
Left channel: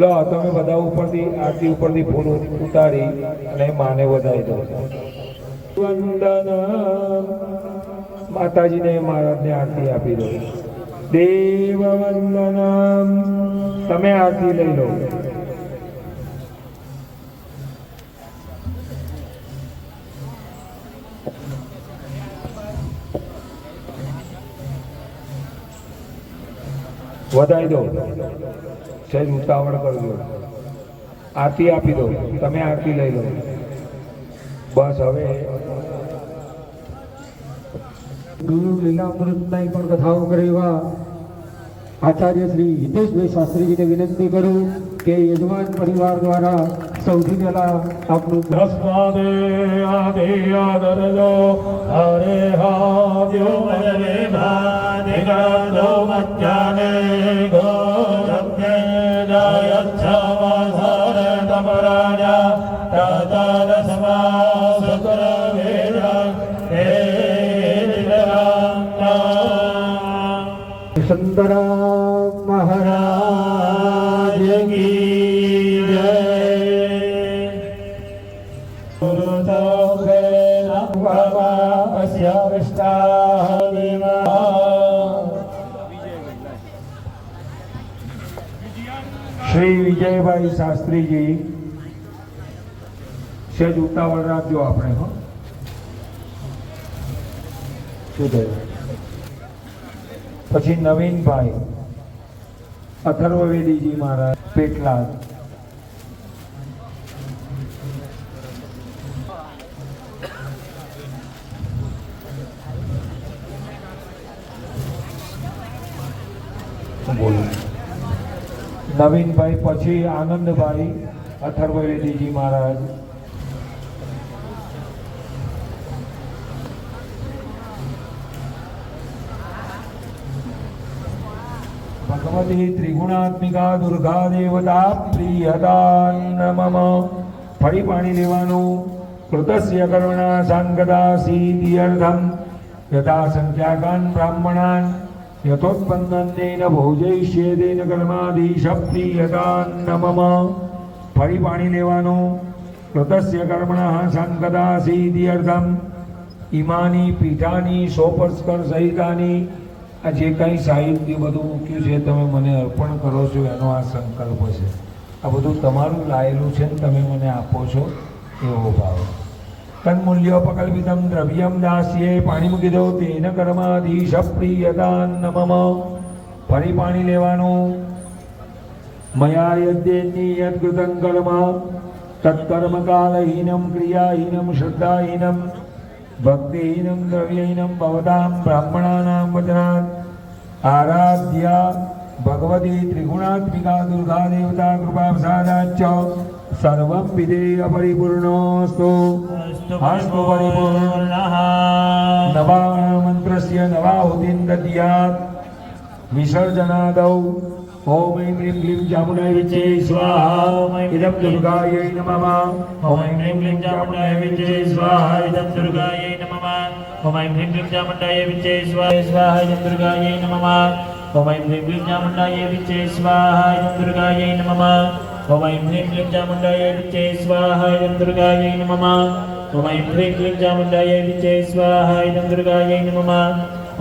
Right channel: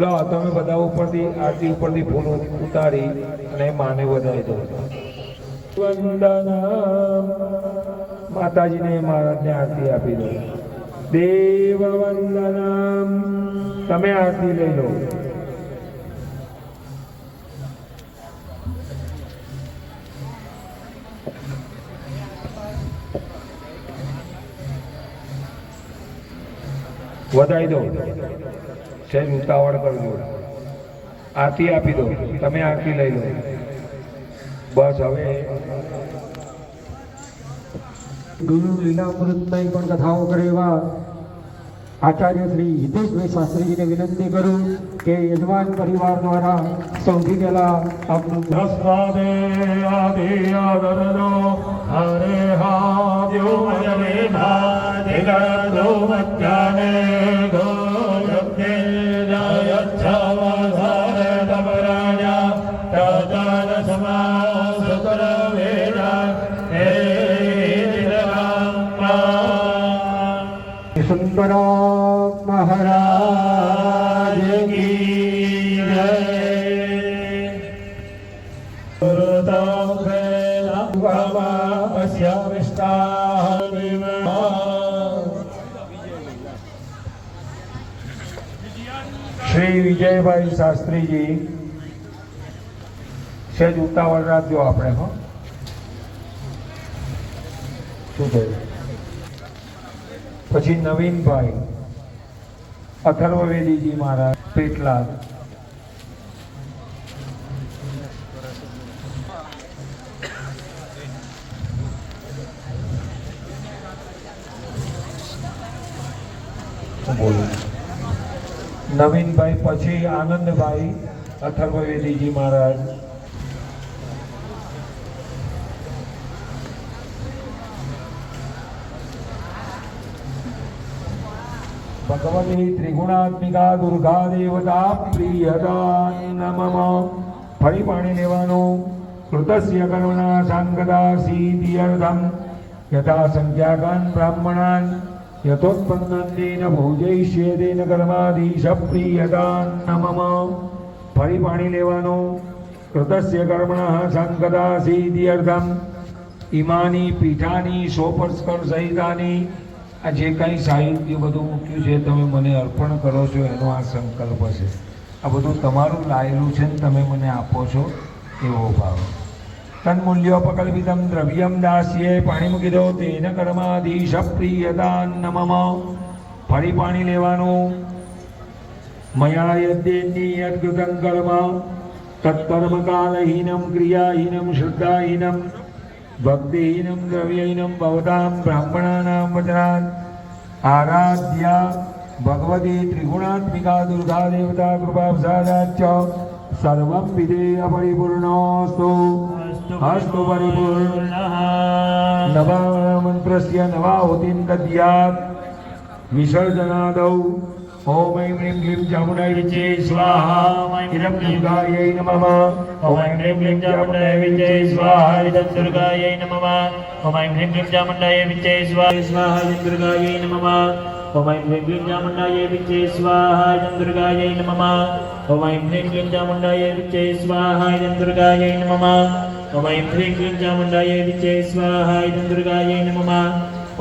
લો તમે બધા ઉપરથી આરતી ઉપરથી ફૂલ ઉતારી અને માને વધારી દો. વંદનમ માતાજીને મહારાજને આરતી આપી દો. દેવ વંદનમ તમે આરતી લઈ લો. વધારી દો, સહેજ ઉતાવળ કરજો. આરતી આપી દો, તમે આરતી લઈ લો. બસ હવે ગુરુ લીલામૃતની પણ કથાઓ કરેવા આચાર્ય શ્રી હિતેશભાઈ શાસ્ત્રીજીને વિનંતી કરું કે યજમાન પરિવાર દ્વારા સૌથી પહેલા આપનું તસ્માદે આદિ હરે હાવ્યો મદવેધાધિગતો મજ્જાને ગોરબ્ધે જાયચ્છમધારે તપરાજા તદન સમાસુતર વેદા હે સુંદરામ મહારાજ કી જય. શ્રી વિજયભાઈ શાસ્ત્રીજી સહેજ ઉતાવળ રાખજો આપણે. હો શું થયું? પછી નવીનભાઈ અથર્વવેદીજી મહારાજ પેટલાદ. બોલું નવીનભાઈ, પછી આનંદભાઈ અથર્વવેદીજી મહારાજ. ભગવતી ત્રિગુણાત્મિકા દુર્ગા દેવતા પ્રિયતા નમઃ. ફરી પાણી લેવાનું. કૃતસ્ય કરુણા સાંગદા સીદિયર્ધમ યથા સંખ્યાકાન બ્રાહ્મણાન યથોત્પન્નેન ભોજયિષ્યેદેન કર્માધીશ પ્રિયતા નમઃ. ફરી પાણી લેવાનું. કૃતસ્ય કર્મણઃ સાંગદા સીદિયર્ધમ ઇમાની પીઠાની સોપસ્કર સહિતાની. આ જે કંઈ સાહિત્ય બધું મૂક્યું છે તમે મને અર્પણ કરો છો એનો આ સંકલ્પ છે. આ બધું તમારું લાયેલું છે ને તમે મને આપો છો એવો ભાવ. તન્મૂલ્યોપકલ્પિતમ દ્રવ્યમ દાસ્યે. પાણી મૂકી દો. તેન કર્માધીશ પ્રિયતા નમઃ. ફરી પાણી લેવાનું. મયા યદ્યેન્ની યદ્ગૃતં કર્મ તત્કર્મ કાલહીનમ ક્રિયાહીનમ શુદ્ધાહીનમ ભક્તિહીનમ દ્રવ્યહીનમ ભવતામ બ્રાહ્મણાનાં વચનાન આરાધ્યા ભગવતી ત્રિગુણાત્મિકા દુર્ગા દેવતા કૃપાપ્રસાદાચ્ચ સર્વં વિધેય પરિપૂર્ણોસ્તુ. અસ્તુ પરિપૂર્ણઃ. નવા મંત્રસ્ય નવાહુતિં દદ્યાत् વિસર્જનાદૌ. ઓમ ઐં હ્રીં ક્લીં ચામુંડાય વિચે સ્વાહા. ઇદં દુર્ગાयै નમઃ. ઓમ ઐં હ્રીં ક્લીં ચામુંડાય વિચે સ્વાહા. ઇદં દુર્ગાयै નમઃ. ઓમ ઐં હ્રીં ક્લીં ચામુંડાય વિચે સ્વાહા. ઇદં દુર્ગાयै નમઃ. ઓમ ઐં હ્રીં ક્લીં ચામુંડાય વિચે સ્વાહા. ઇદં દુર્ગાयै નમઃ. ઓમ ઐં હ્રીં ક્લીં ચામુંડાય વિચે સ્વાહા. ઇદં દુર્ગાयै નમઃ. ઓમ ઐં હ્રીં ક્લીં ચામુંડાય વિચે સ્વાહા. ઇદં દુર્ગાयै નમઃ.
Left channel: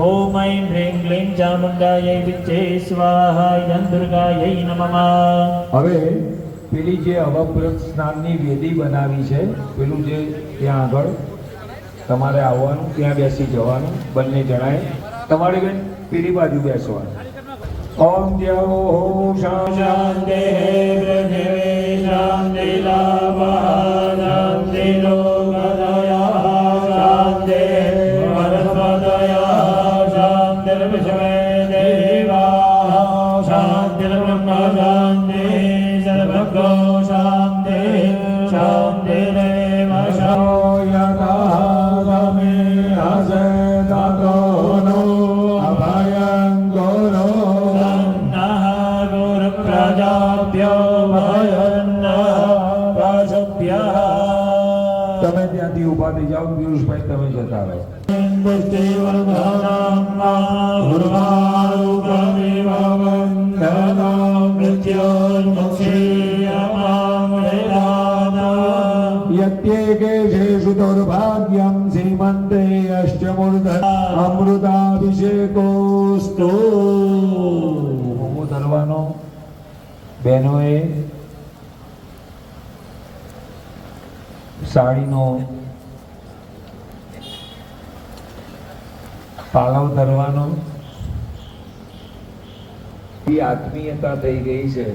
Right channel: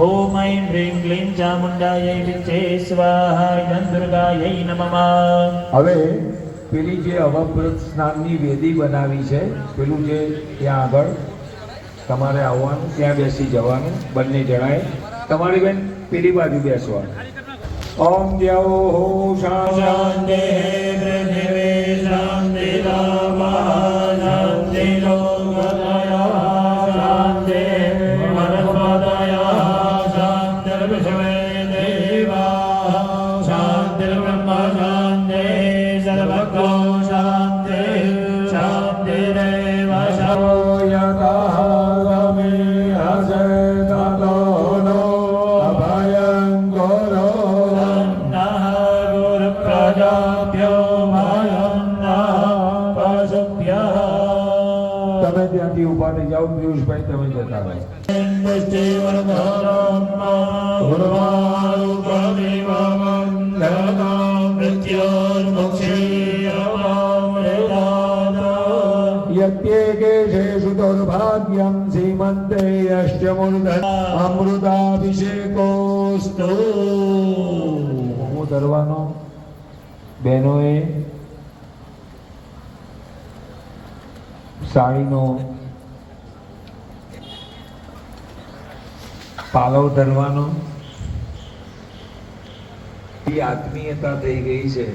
ઓમ ઐં હ્રીં ક્લીં ચામુંડાય વિચે સ્વાહા. ઇદં દુર્ગાयै નમઃ. હવે પેલી જે અવપ્રત સ્નાનની વેદી બનાવી છે, પેલું જે ત્યાં આગળ તમારે આવવાનું, ત્યાં બેસી જવાનું બંને જણાએ. તમારી બેન પેલી બાજુ બેસવાનું. ઓમ દેવો શાંતિ પૃથિવે શાંતિ શાંતિ શાંતિ વનસ્પતયઃ શાંતિર્વિશ્વે દેવાઃ શાંતિર્બ્રહ્મ શાંતિ સર્વગો શાંતિ શાંતિરેવ તમે ત્યાંથી ઉભા થઈ જાઓ. પિયુષભાઈ તમે જતા રહો. મૃત્યોર્મુક્ષે દુર્ભાગ્યમ શ્રીમંતે અષ્ટમૂર્ધ અમૃતાભિષેકોસ્તુ. ધરવાનો બહેનોએ સાડીનો પાલવ ધરવાનો. એ આત્મીયતા થઈ ગઈ છે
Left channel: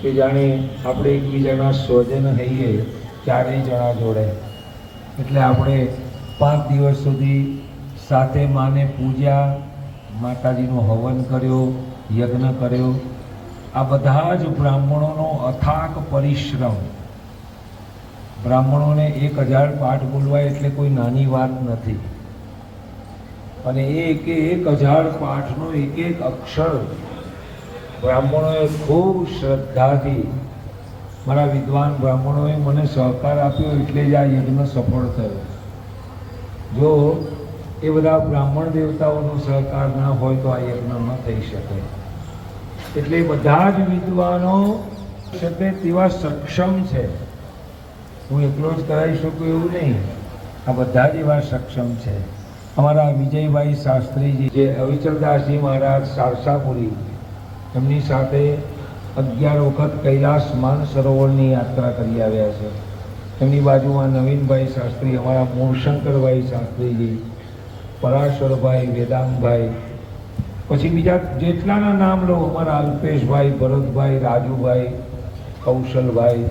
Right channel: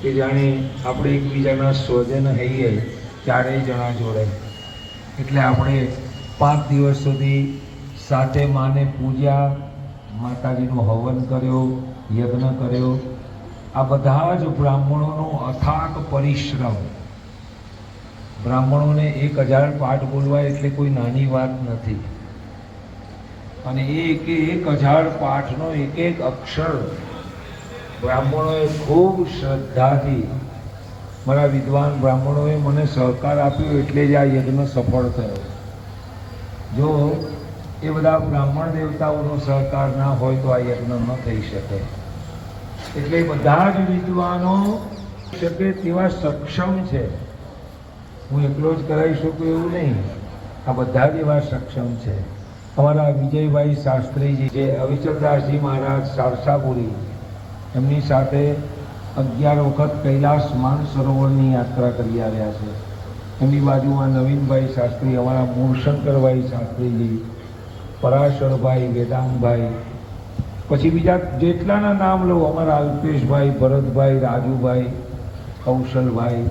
કે જાણે આપણે એકબીજાના સ્વજન હઈએ ચારેય જણા જોડે. એટલે આપણે 5 દિવસ સુધી સાથે માને પૂજા, માતાજીનું હવન કર્યો, યજ્ઞ કર્યો. આ બધા જ બ્રાહ્મણોનો અથાગ પરિશ્રમ. બ્રાહ્મણોને 1000 પાઠ બોલવા એટલે કોઈ નાની વાત નથી. અને એ 1000 પાઠનો એક અક્ષર બ્રાહ્મણોએ ખૂબ શ્રદ્ધાથી, મારા વિદ્વાન બ્રાહ્મણોએ મને સહકાર આપ્યો એટલે જ આ યજ્ઞ સફળ થયો. જો એ બધા બ્રાહ્મણ દેવતાઓનો સહકાર ના હોય તો આ યજ્ઞ ન થઈ શકે. એટલે બધા જ વિદ્વાનો શકે તેવા સક્ષમ છે. હું એકલો જ કરાવી શકું એવું નહીં, આ બધા જ એવા સક્ષમ છે. અમારા વિજયભાઈ શાસ્ત્રીજી જે અવિચલદાસજી મહારાજ સારસાપુરી, એમની સાથે 11 વખત કૈલાસ માનસરોવરની યાત્રા કરી આવ્યા છે. એમની બાજુમાં નવીનભાઈ શાસ્ત્રી, અમારા મૂળશંકરભાઈ શાસ્ત્રીજી, પરાશરભાઈ, વેદાંતભાઈ, પછી બીજા જેટલાના નામ લો, અમારા અલ્પેશભાઈ, ભરતભાઈ, રાજુભાઈ, કૌશલભાઈ,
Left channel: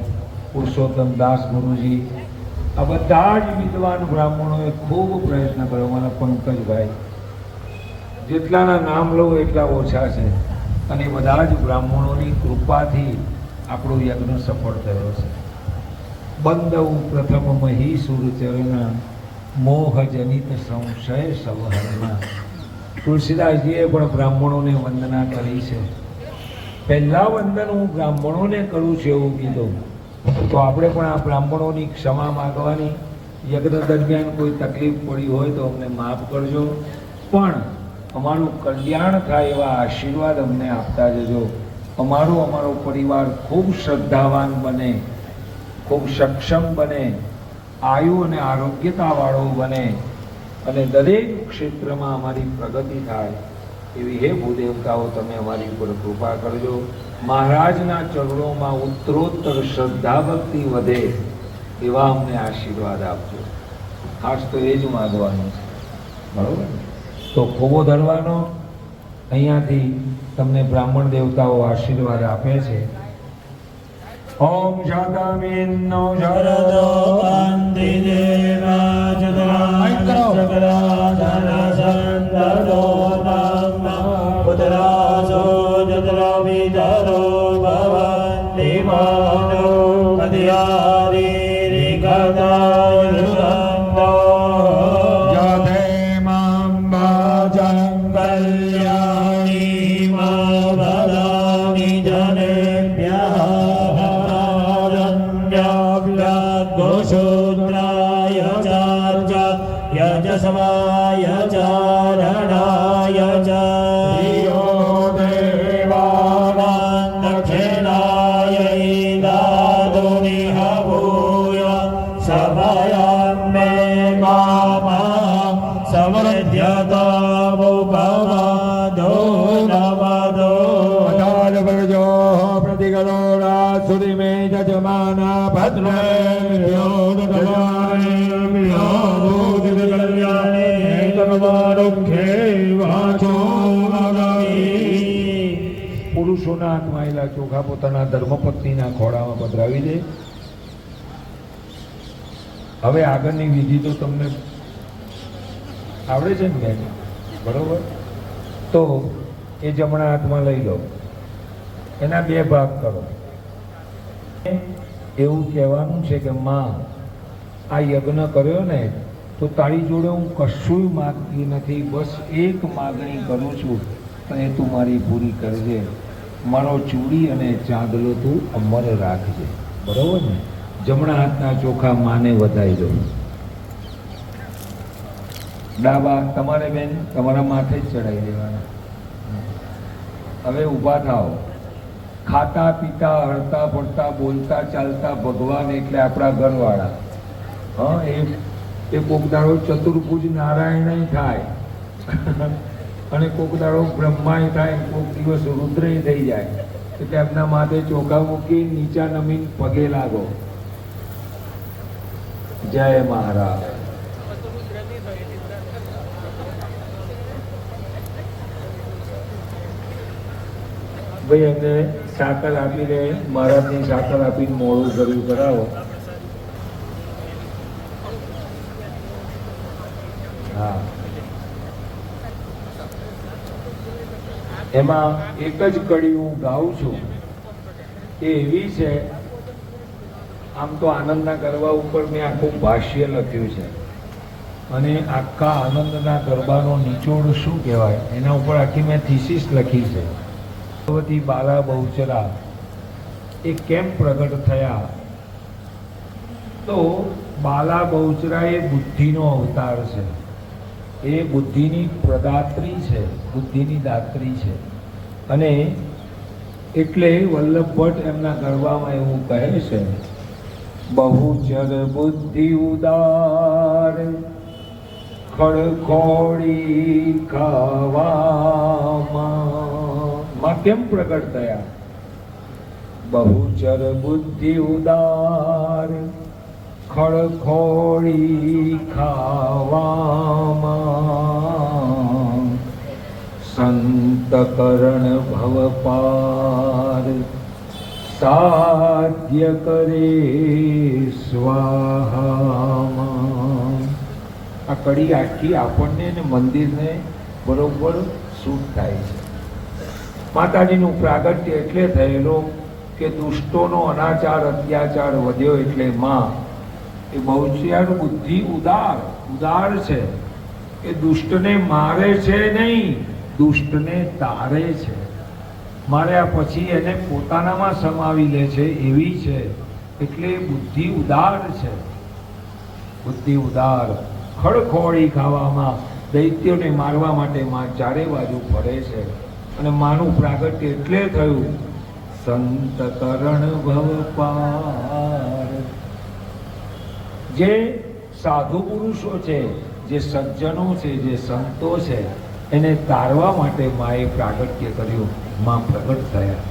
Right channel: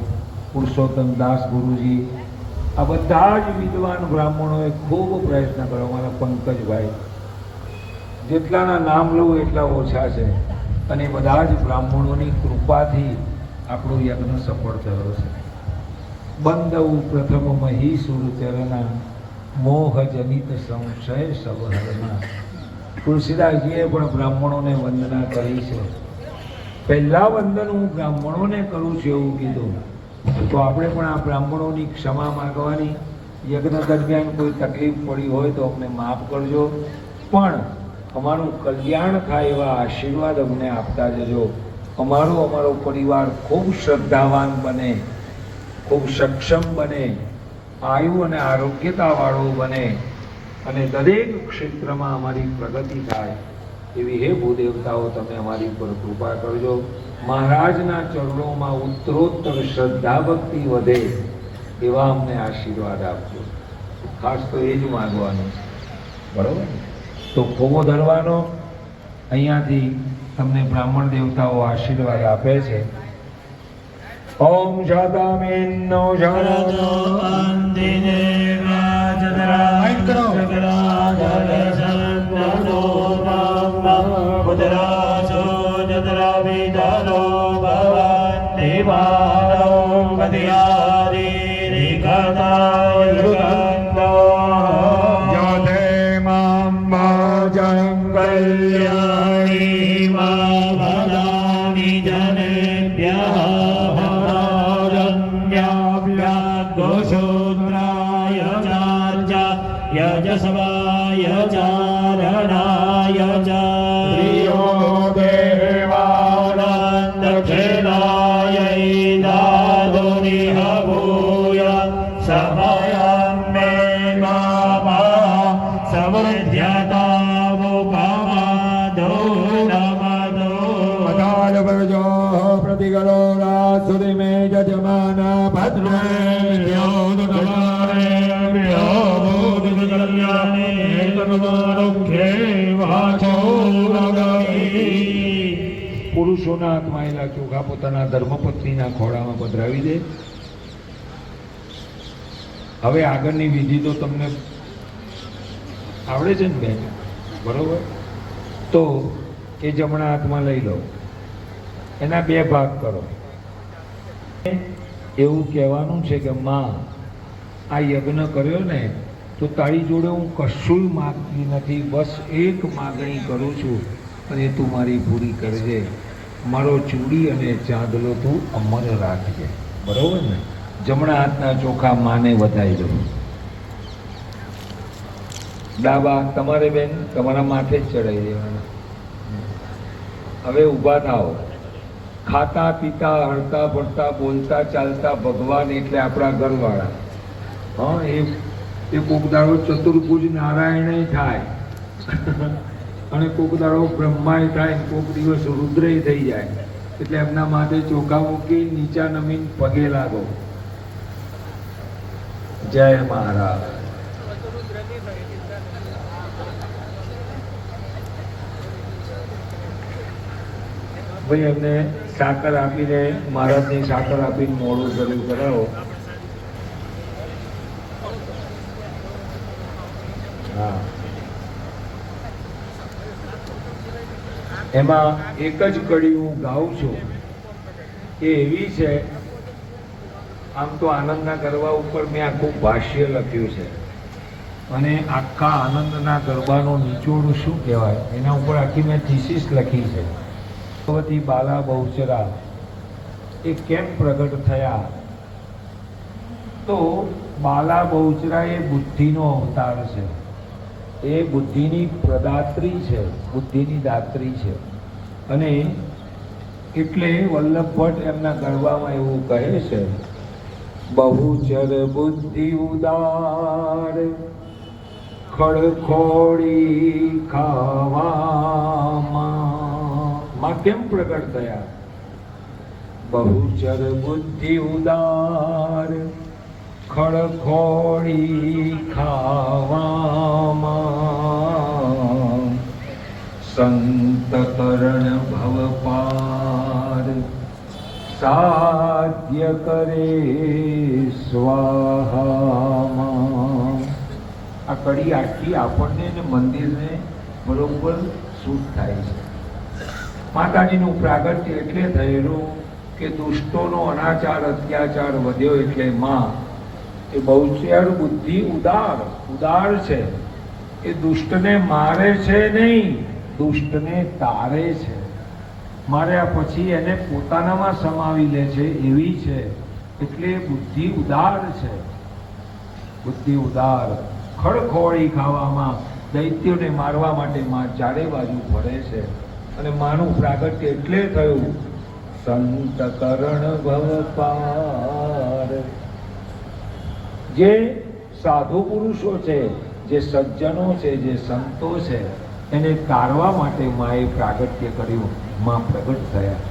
પુરુષોત્તમ દાસ ગુરુજી, આ બધા જ વિદ્વાન બ્રાહ્મણોએ ખૂબ પ્રયત્ન કર્યો. અમારા પંકજભાઈ, જેટલાના નામ લો એટલા ઓછા છે. અને બધા જ બ્રાહ્મણોની કૃપાથી આપણો યજ્ઞ સફળ થયો છે. બંદવ પ્રથમ મહી સુરચરના મોહ જનિત સંશય સવહરના. તુલસીદાસજીએ પણ બ્રાહ્મણોને વંદના કરી છે. પહેલા વંદન હું બ્રાહ્મણોને કરું છું એવું કીધું. તો આપણે પણ આ બ્રાહ્મણોની ક્ષમા માગવાની. યજ્ઞ દરમિયાન કોઈ તકલીફ પડી હોય તો અમને માફ કરજો, પણ અમારું કલ્યાણ થાય એવા આશીર્વાદ અમને આપતા જજો. અમારો પરિવાર ખૂબ શ્રદ્ધાવાન બને, ખૂબ સક્ષમ બને, આયુ અને આરોગ્યતાવાળો બને, અને દરેક ક્ષેત્રમાં અમારી પ્રગતિ થાય એવી હે ભૂદેવતાઓ તમે અમારી પર કૃપા કરજો. મહારાજના ચરણોમાં ઉત્તરોત્તર શ્રદ્ધા ભક્તિ વધે એવા અમને આશીર્વાદ આપજો. ખાસ તો એ જ માગવાનું છે, બરોબર ને? તો ખોબો ધરવાનો. અહીંયાથી તમને બ્રાહ્મણ દેવતાઓ આશીર્વાદ આપે છે. ઓમ શાદામીનો શરદો યજસવાય ચારણાય ચાયો દેવાનાં દક્ષિણાય દાદુનિ હભૂય સમયં મે મામા સમૃદ્ધતા ઉપમાદો નમદો અકાલ પ્રજો પ્રતિગણોરા સુરી મે જજમાના ભદ્રે પુરુષોના હાથમાં આવેલા ચોખા પોતાના ધર્મપત્નીના ખોળામાં પધરાવી દે. હવે આગળની વિધિ તો તમને આવડે છે ને બેન, બરોબર? તો એ જમણા હાથમાં લઈ લો, એના 2 ભાગ કરો. એવું કહેવાનું છે કે માં, આ યજ્ઞ કર્યો ને તો તારી જોડે હું કશું માગતી નથી, બસ એક માગણી કરું છું અને તું મારી પૂરી કરજે. મારો ચૂડી અને ચાંદલો તું અમર રાખજે, બરોબર ને? જમણા હાથના ચોખા માને વધાઈ દો. ડાબા તમારે બેન તમારા માથે જ ચડાવી દેવાના. હવે ઊભા થાઓ. ખાતા પીતા હરતા ફરતા બોલતા ચાલતા ભગવાન એટલે આપણા ઘરવાળા. હા, એ કોક દાડો ચતુર્ભુજ નારાયણ થાય અને કોક દાડો બ્રહ્માય થાય, કોક દિવસ રુદ્રય થઈ જાય. એટલે એમના માથે ચોખા મૂકી નીચા નમીન પગે લાગો. જય મહારાજ. ભાઈ અમને સાકર આપીને, મહારાજની સાકર આપીને મોડું કર્યું કરાવો. હા, એમાં એક જ કડી હું ગાઉં છું એ એવી છે. આમ તો આનંદના ગરબા ઉપર મેં આખું ભાષ્ય લખ્યું છે અને આખા આનંદના ગરબાનો નિચોડ શું કહેવાય એના ઉપર આખી મેં થીસીસ લખી છે. ભગવતી બાલા બહુચરા એ કેમ પ્રગટ થયા? તો બાલા બહુચરા એ બુદ્ધિનો અવતાર છે. એ બુદ્ધિની પ્રદાત્રી છે, બુદ્ધિની દાત્રી છે. અને એટલે વલ્લભ ભટ્ટ એમના ગરબામાં એવું કહે છે, બહુચર બુદ્ધિ ઉદાર ખડખોડી ખાવામાં કેમ પ્રગટ થયા? બહુચર બુદ્ધિ ઉદાર ખડખોડી ખાવામાં સંત કરણ ભવ પાર સાધ્ય કરે સ્વાહામાં. આ કડી આખી આપણને ને મંદિરને બરોબર સૂટ થાય છે. માતાજીનું પ્રાગટ્ય એટલે થયેલું કે દુષ્ટોનો અનાચાર અત્યાચાર વધ્યો એટલે માં એ બહુચર બુદ્ધિ ઉદાર છે. એ દુષ્ટને મારે છે નહીં, દુષ્ટને તારે છે. માર્યા પછી એને પોતાનામાં સમાવી લે છે એવી છે. એટલે બુદ્ધિ ઉદાર છે. બુદ્ધિ ઉદાર ખડખોડી ખાવામાં દૈત્યોને મારવા માટે માં ચારે બાજુ ફરે છે. અને માનું પ્રાગટ્ય એટલે થયું સંત કરણ ભવ પાર. જે સાધુ પુરુષો છે, જે સજ્જનો છે, જે સંતો છે, એને તારવા માટે માએ પ્રાગટ્ય કર્યું. માં પ્રગટ થયા.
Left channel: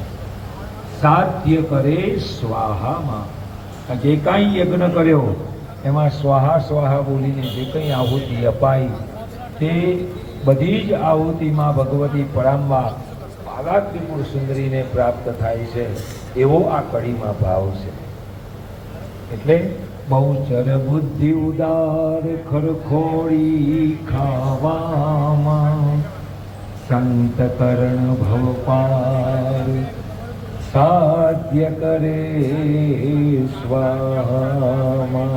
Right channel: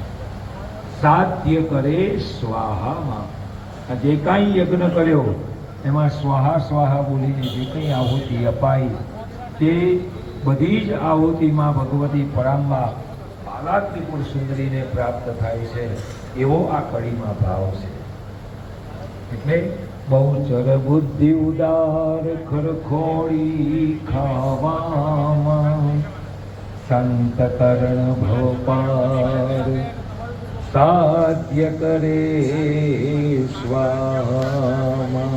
સાધ્ય કરે સ્વાહામાં. જે કાંઈ યજ્ઞ કર્યો એમાં સ્વાહા સ્વાહા બોલીને જે કંઈ આહુતિ અપાઈ તે બધી જ આહુતિમાં ભગવતી પરાંબા બાલા ત્રિપુર સુંદરીને પ્રાપ્ત થાય છે. એવો આ કડીમાં ભાવ છે. એટલે બહુચર બુદ્ધિ ઉદાર ખડખોડી ખાવામાં સંત કરણ ભવ પાર સાધ્ય કરે સ્વાહામાં.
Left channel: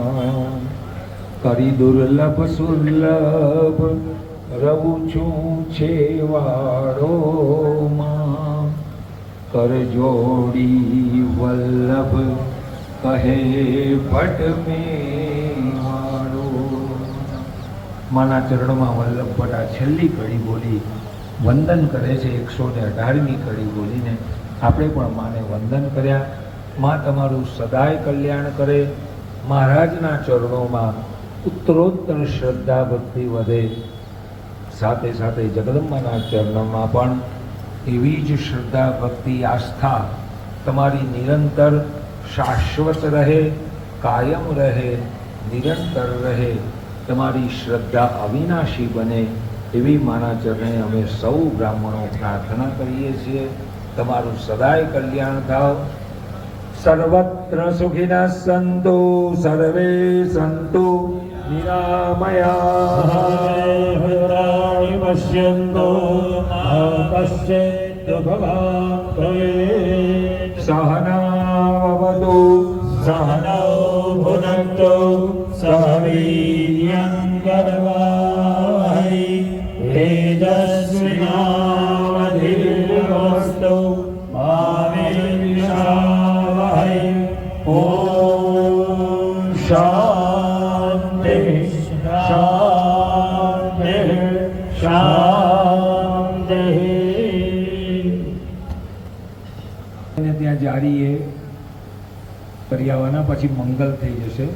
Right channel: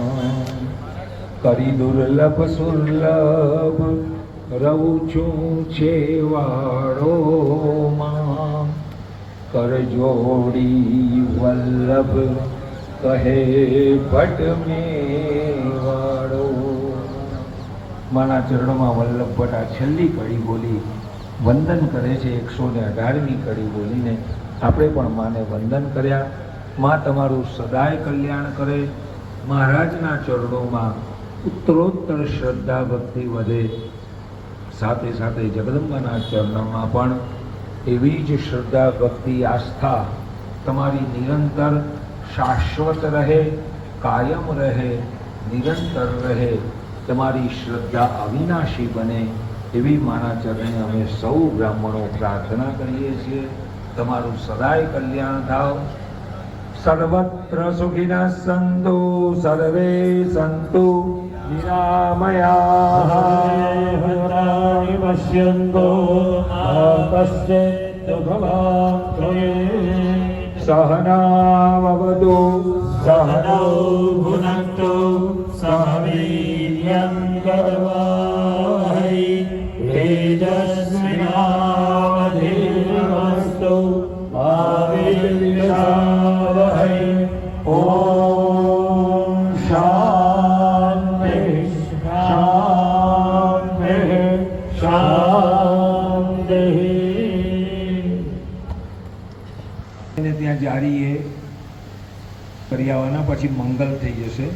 કરી દુર્લભ સુલભ રહું છું છેવાડોમાં કર જોડી વલ્લભ કહે ભટ્ટ મેવાડો. માના ચરણમાં વલ્લભ ભટ્ટ આ છેલ્લી કડી બોલી વંદન કરે છે. 118મી કડી બોલીને આપણે પણ માને વંદન કર્યા. માં તમારું સદાય કલ્યાણ કરે. મહારાજના ચરણોમાં ઉત્તરોત્તર શ્રદ્ધા ભક્તિ વધે. સાથે સાથે જગદંબાના ચરણોમાં પણ એવી જ શ્રદ્ધા ભક્તિ આસ્થા તમારી નિરંતર શાશ્વત રહે, કાયમ રહે, નિરંતર રહે. તમારી શ્રદ્ધા અવિનાશી બને એવી માના ચરણે અમે સૌ બ્રાહ્મણો પ્રાર્થના કરીએ છીએ. તમારું સદાય કલ્યાણ થાવ. સર્વત્ર સુખિનઃ સંતુ સર્વે સંતુ નિરામયા. પશ્યન્તો કશ્ચિદ ભવાન સહનાવવતુ સહનૌ ભુનક્તુ સહ વીર્યં કરવાવહૈ તેજસ્વિનાવધીતમસ્તુ મા વિદ્વિષાવહૈ. ઓમ શાંતિ શાંતિ શાંતિ. ત્યાં જારીએ કરી આવવાના, પછી મંગલ થઈ જશે.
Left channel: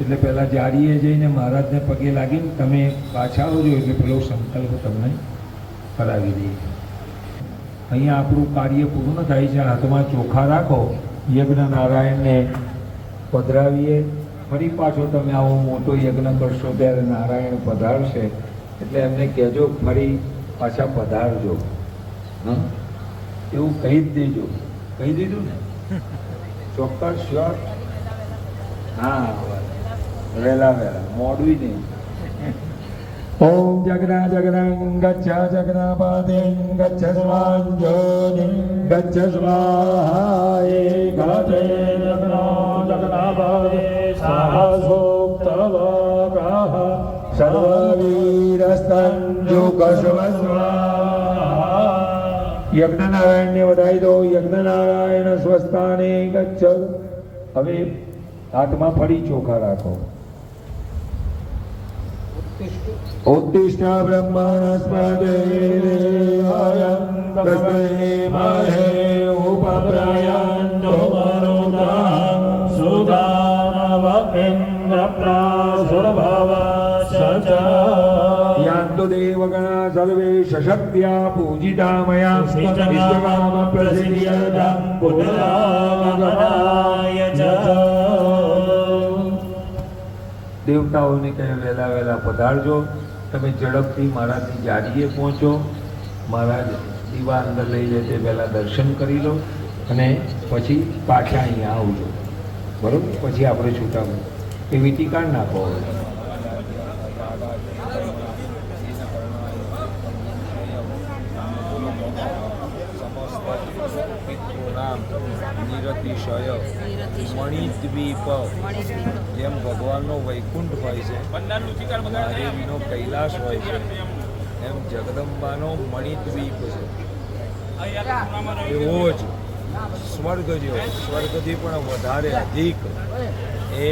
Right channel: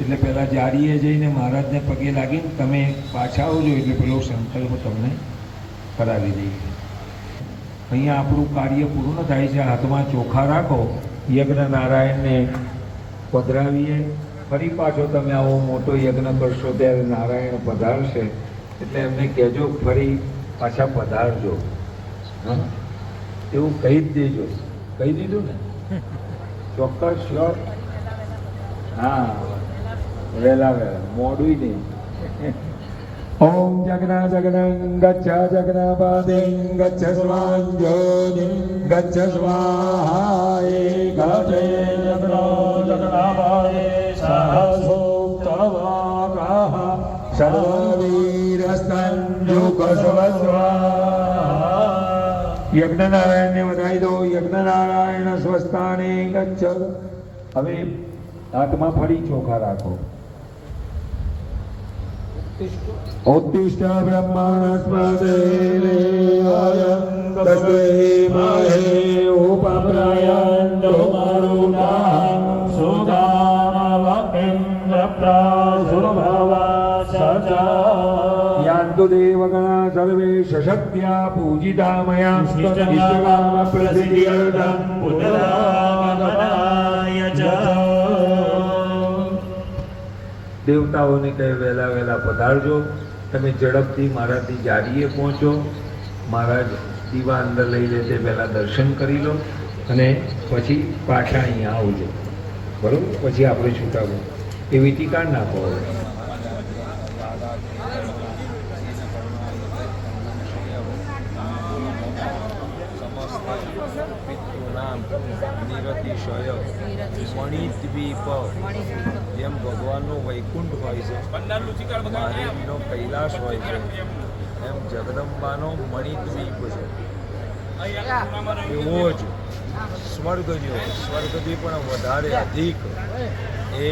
એટલે પહેલાં જારીએ જઈને મહારાજને પગે લાગીને તમે પાછા આવજો એટલે પેલો સંકલ્પ તમને કરાવી દઈએ. અહીંયા આપણું કાર્ય પૂર્ણ થાય છે. હાથમાં ચોખા રાખો, યજ્ઞ નારાયણને પધરાવીએ. ફરી પાછો તમે આવો મોટો યજ્ઞ કરશો ત્યારે નારાયણ પધારશે એટલે એમને કહેજો ફરી પાછા પધારજો. હં? એવું કહી જ દેજો. કહી દીધું ને? ચોક્કસ શ્યોર? હા, વહેલા મોડું નહીં. ઓમ જગના જગનં ગચ્છ જગનાપાદિં ગચ્છ સ્વાંજોનિં ગચ્છ સ્વાહા એકાદે જગનો જગનાપાદે સહસોક્તવાકાહ સર્વવીરસ્તંજુકસ્વસ્વા. યજ્ઞનારાયણને વધાવી દો. યજ્ઞનારાયણ સ્વસ્થાને ગચ્છ. હવે હાથમાં ફરી ચોખા રાખો. ઉત્તિષ્ઠ બ્રહ્મણસ્પતે તસ્મૈ ઉપપ્રાયન્તો મરુતાઃ યાન્તુ દેવગણા સર્વે સશક્ત્યા પૂજિતા મયા ઇષ્ટકામ પ્રસિદ્ધ્યર્થં પુનરાગમનાય ચ. દેવતાઓને કહે વહેલા વહેલા પધારજો. તમે ઝડપથી મહારાજની જારીએ પહોંચો. મહારાજ દીવા અંદર લઈ લે તે પહેલાં દર્શન કરી લો અને પછી પાછા અહીંયા આવજો. બરાબર? પછી આપણે છૂટા એવી ટીકા નાખો. નિરતિશય મણિદ્વીપ, જેમ ભગવાનનો વૈકુંઠ હોય છે, મહાદેવીનો કૈલાસ હોય છે, એમ જગદંબાનો મણિદ્વીપ છે. એવો જ સ્વર્ગ જેવો, સ્વર્ગથી પણ વધારે અધિક એ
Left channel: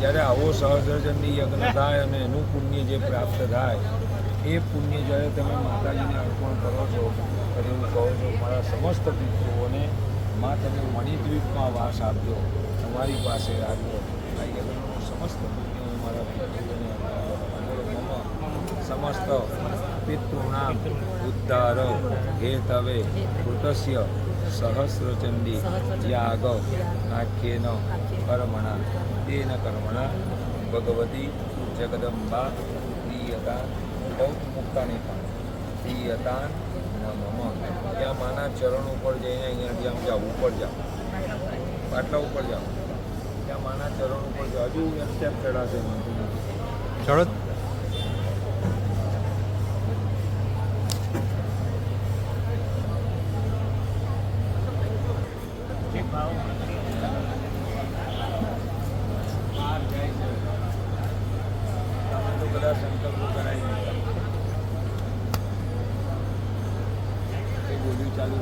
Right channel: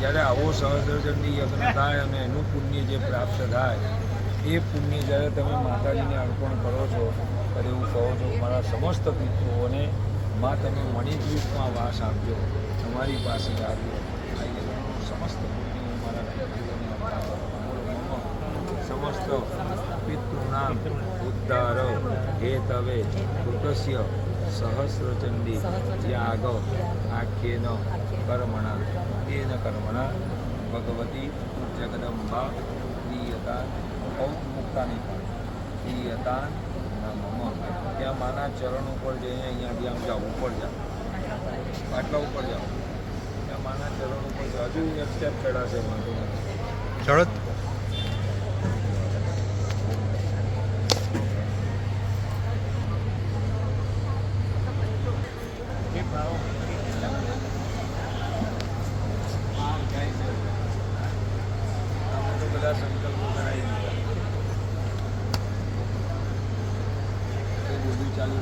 જ્યારે આવો સહસ્રચંડી યજ્ઞ થાય અને એનું પુણ્ય જે પ્રાપ્ત થાય એ પુણ્ય જ્યારે તમે માતાજીને અર્પણ કરો છો ત્યારે એવું કહો છો મારા સમસ્ત પિતૃઓને માં તમે મણિદ્વીપમાં વાસ આપ્યો, તમારી પાસે આવ્યો. આ યજ્ઞનું સમસ્ત પુણ્ય હું મારા પિતૃઓને સમસ્ત પિતૃણામ ઉદ્ધાર હેતવે કૃતસ્ય સહસ્રચંડી યાગ આખ્યેન કર્મણા તેન કર્મણા ભગવતી જગદંબા પ્રિયતા ઔત્મુક્તાની પણ પ્રિયતા મમ. ત્યાં માના ચરણ ઉપર જઈને અહીંયાથી આમ જાઓ, ઉપર જાઓ, પાટલા ઉપર જાઓ, ત્યાં માના ચરણ ઉપર જાઓ. હજુ એક સ્ટેપ ચડાશે વાંધો નથી. ચડો. બધા સંકલ્પો કરાવી દીધા. બોલ્યું ચાલુ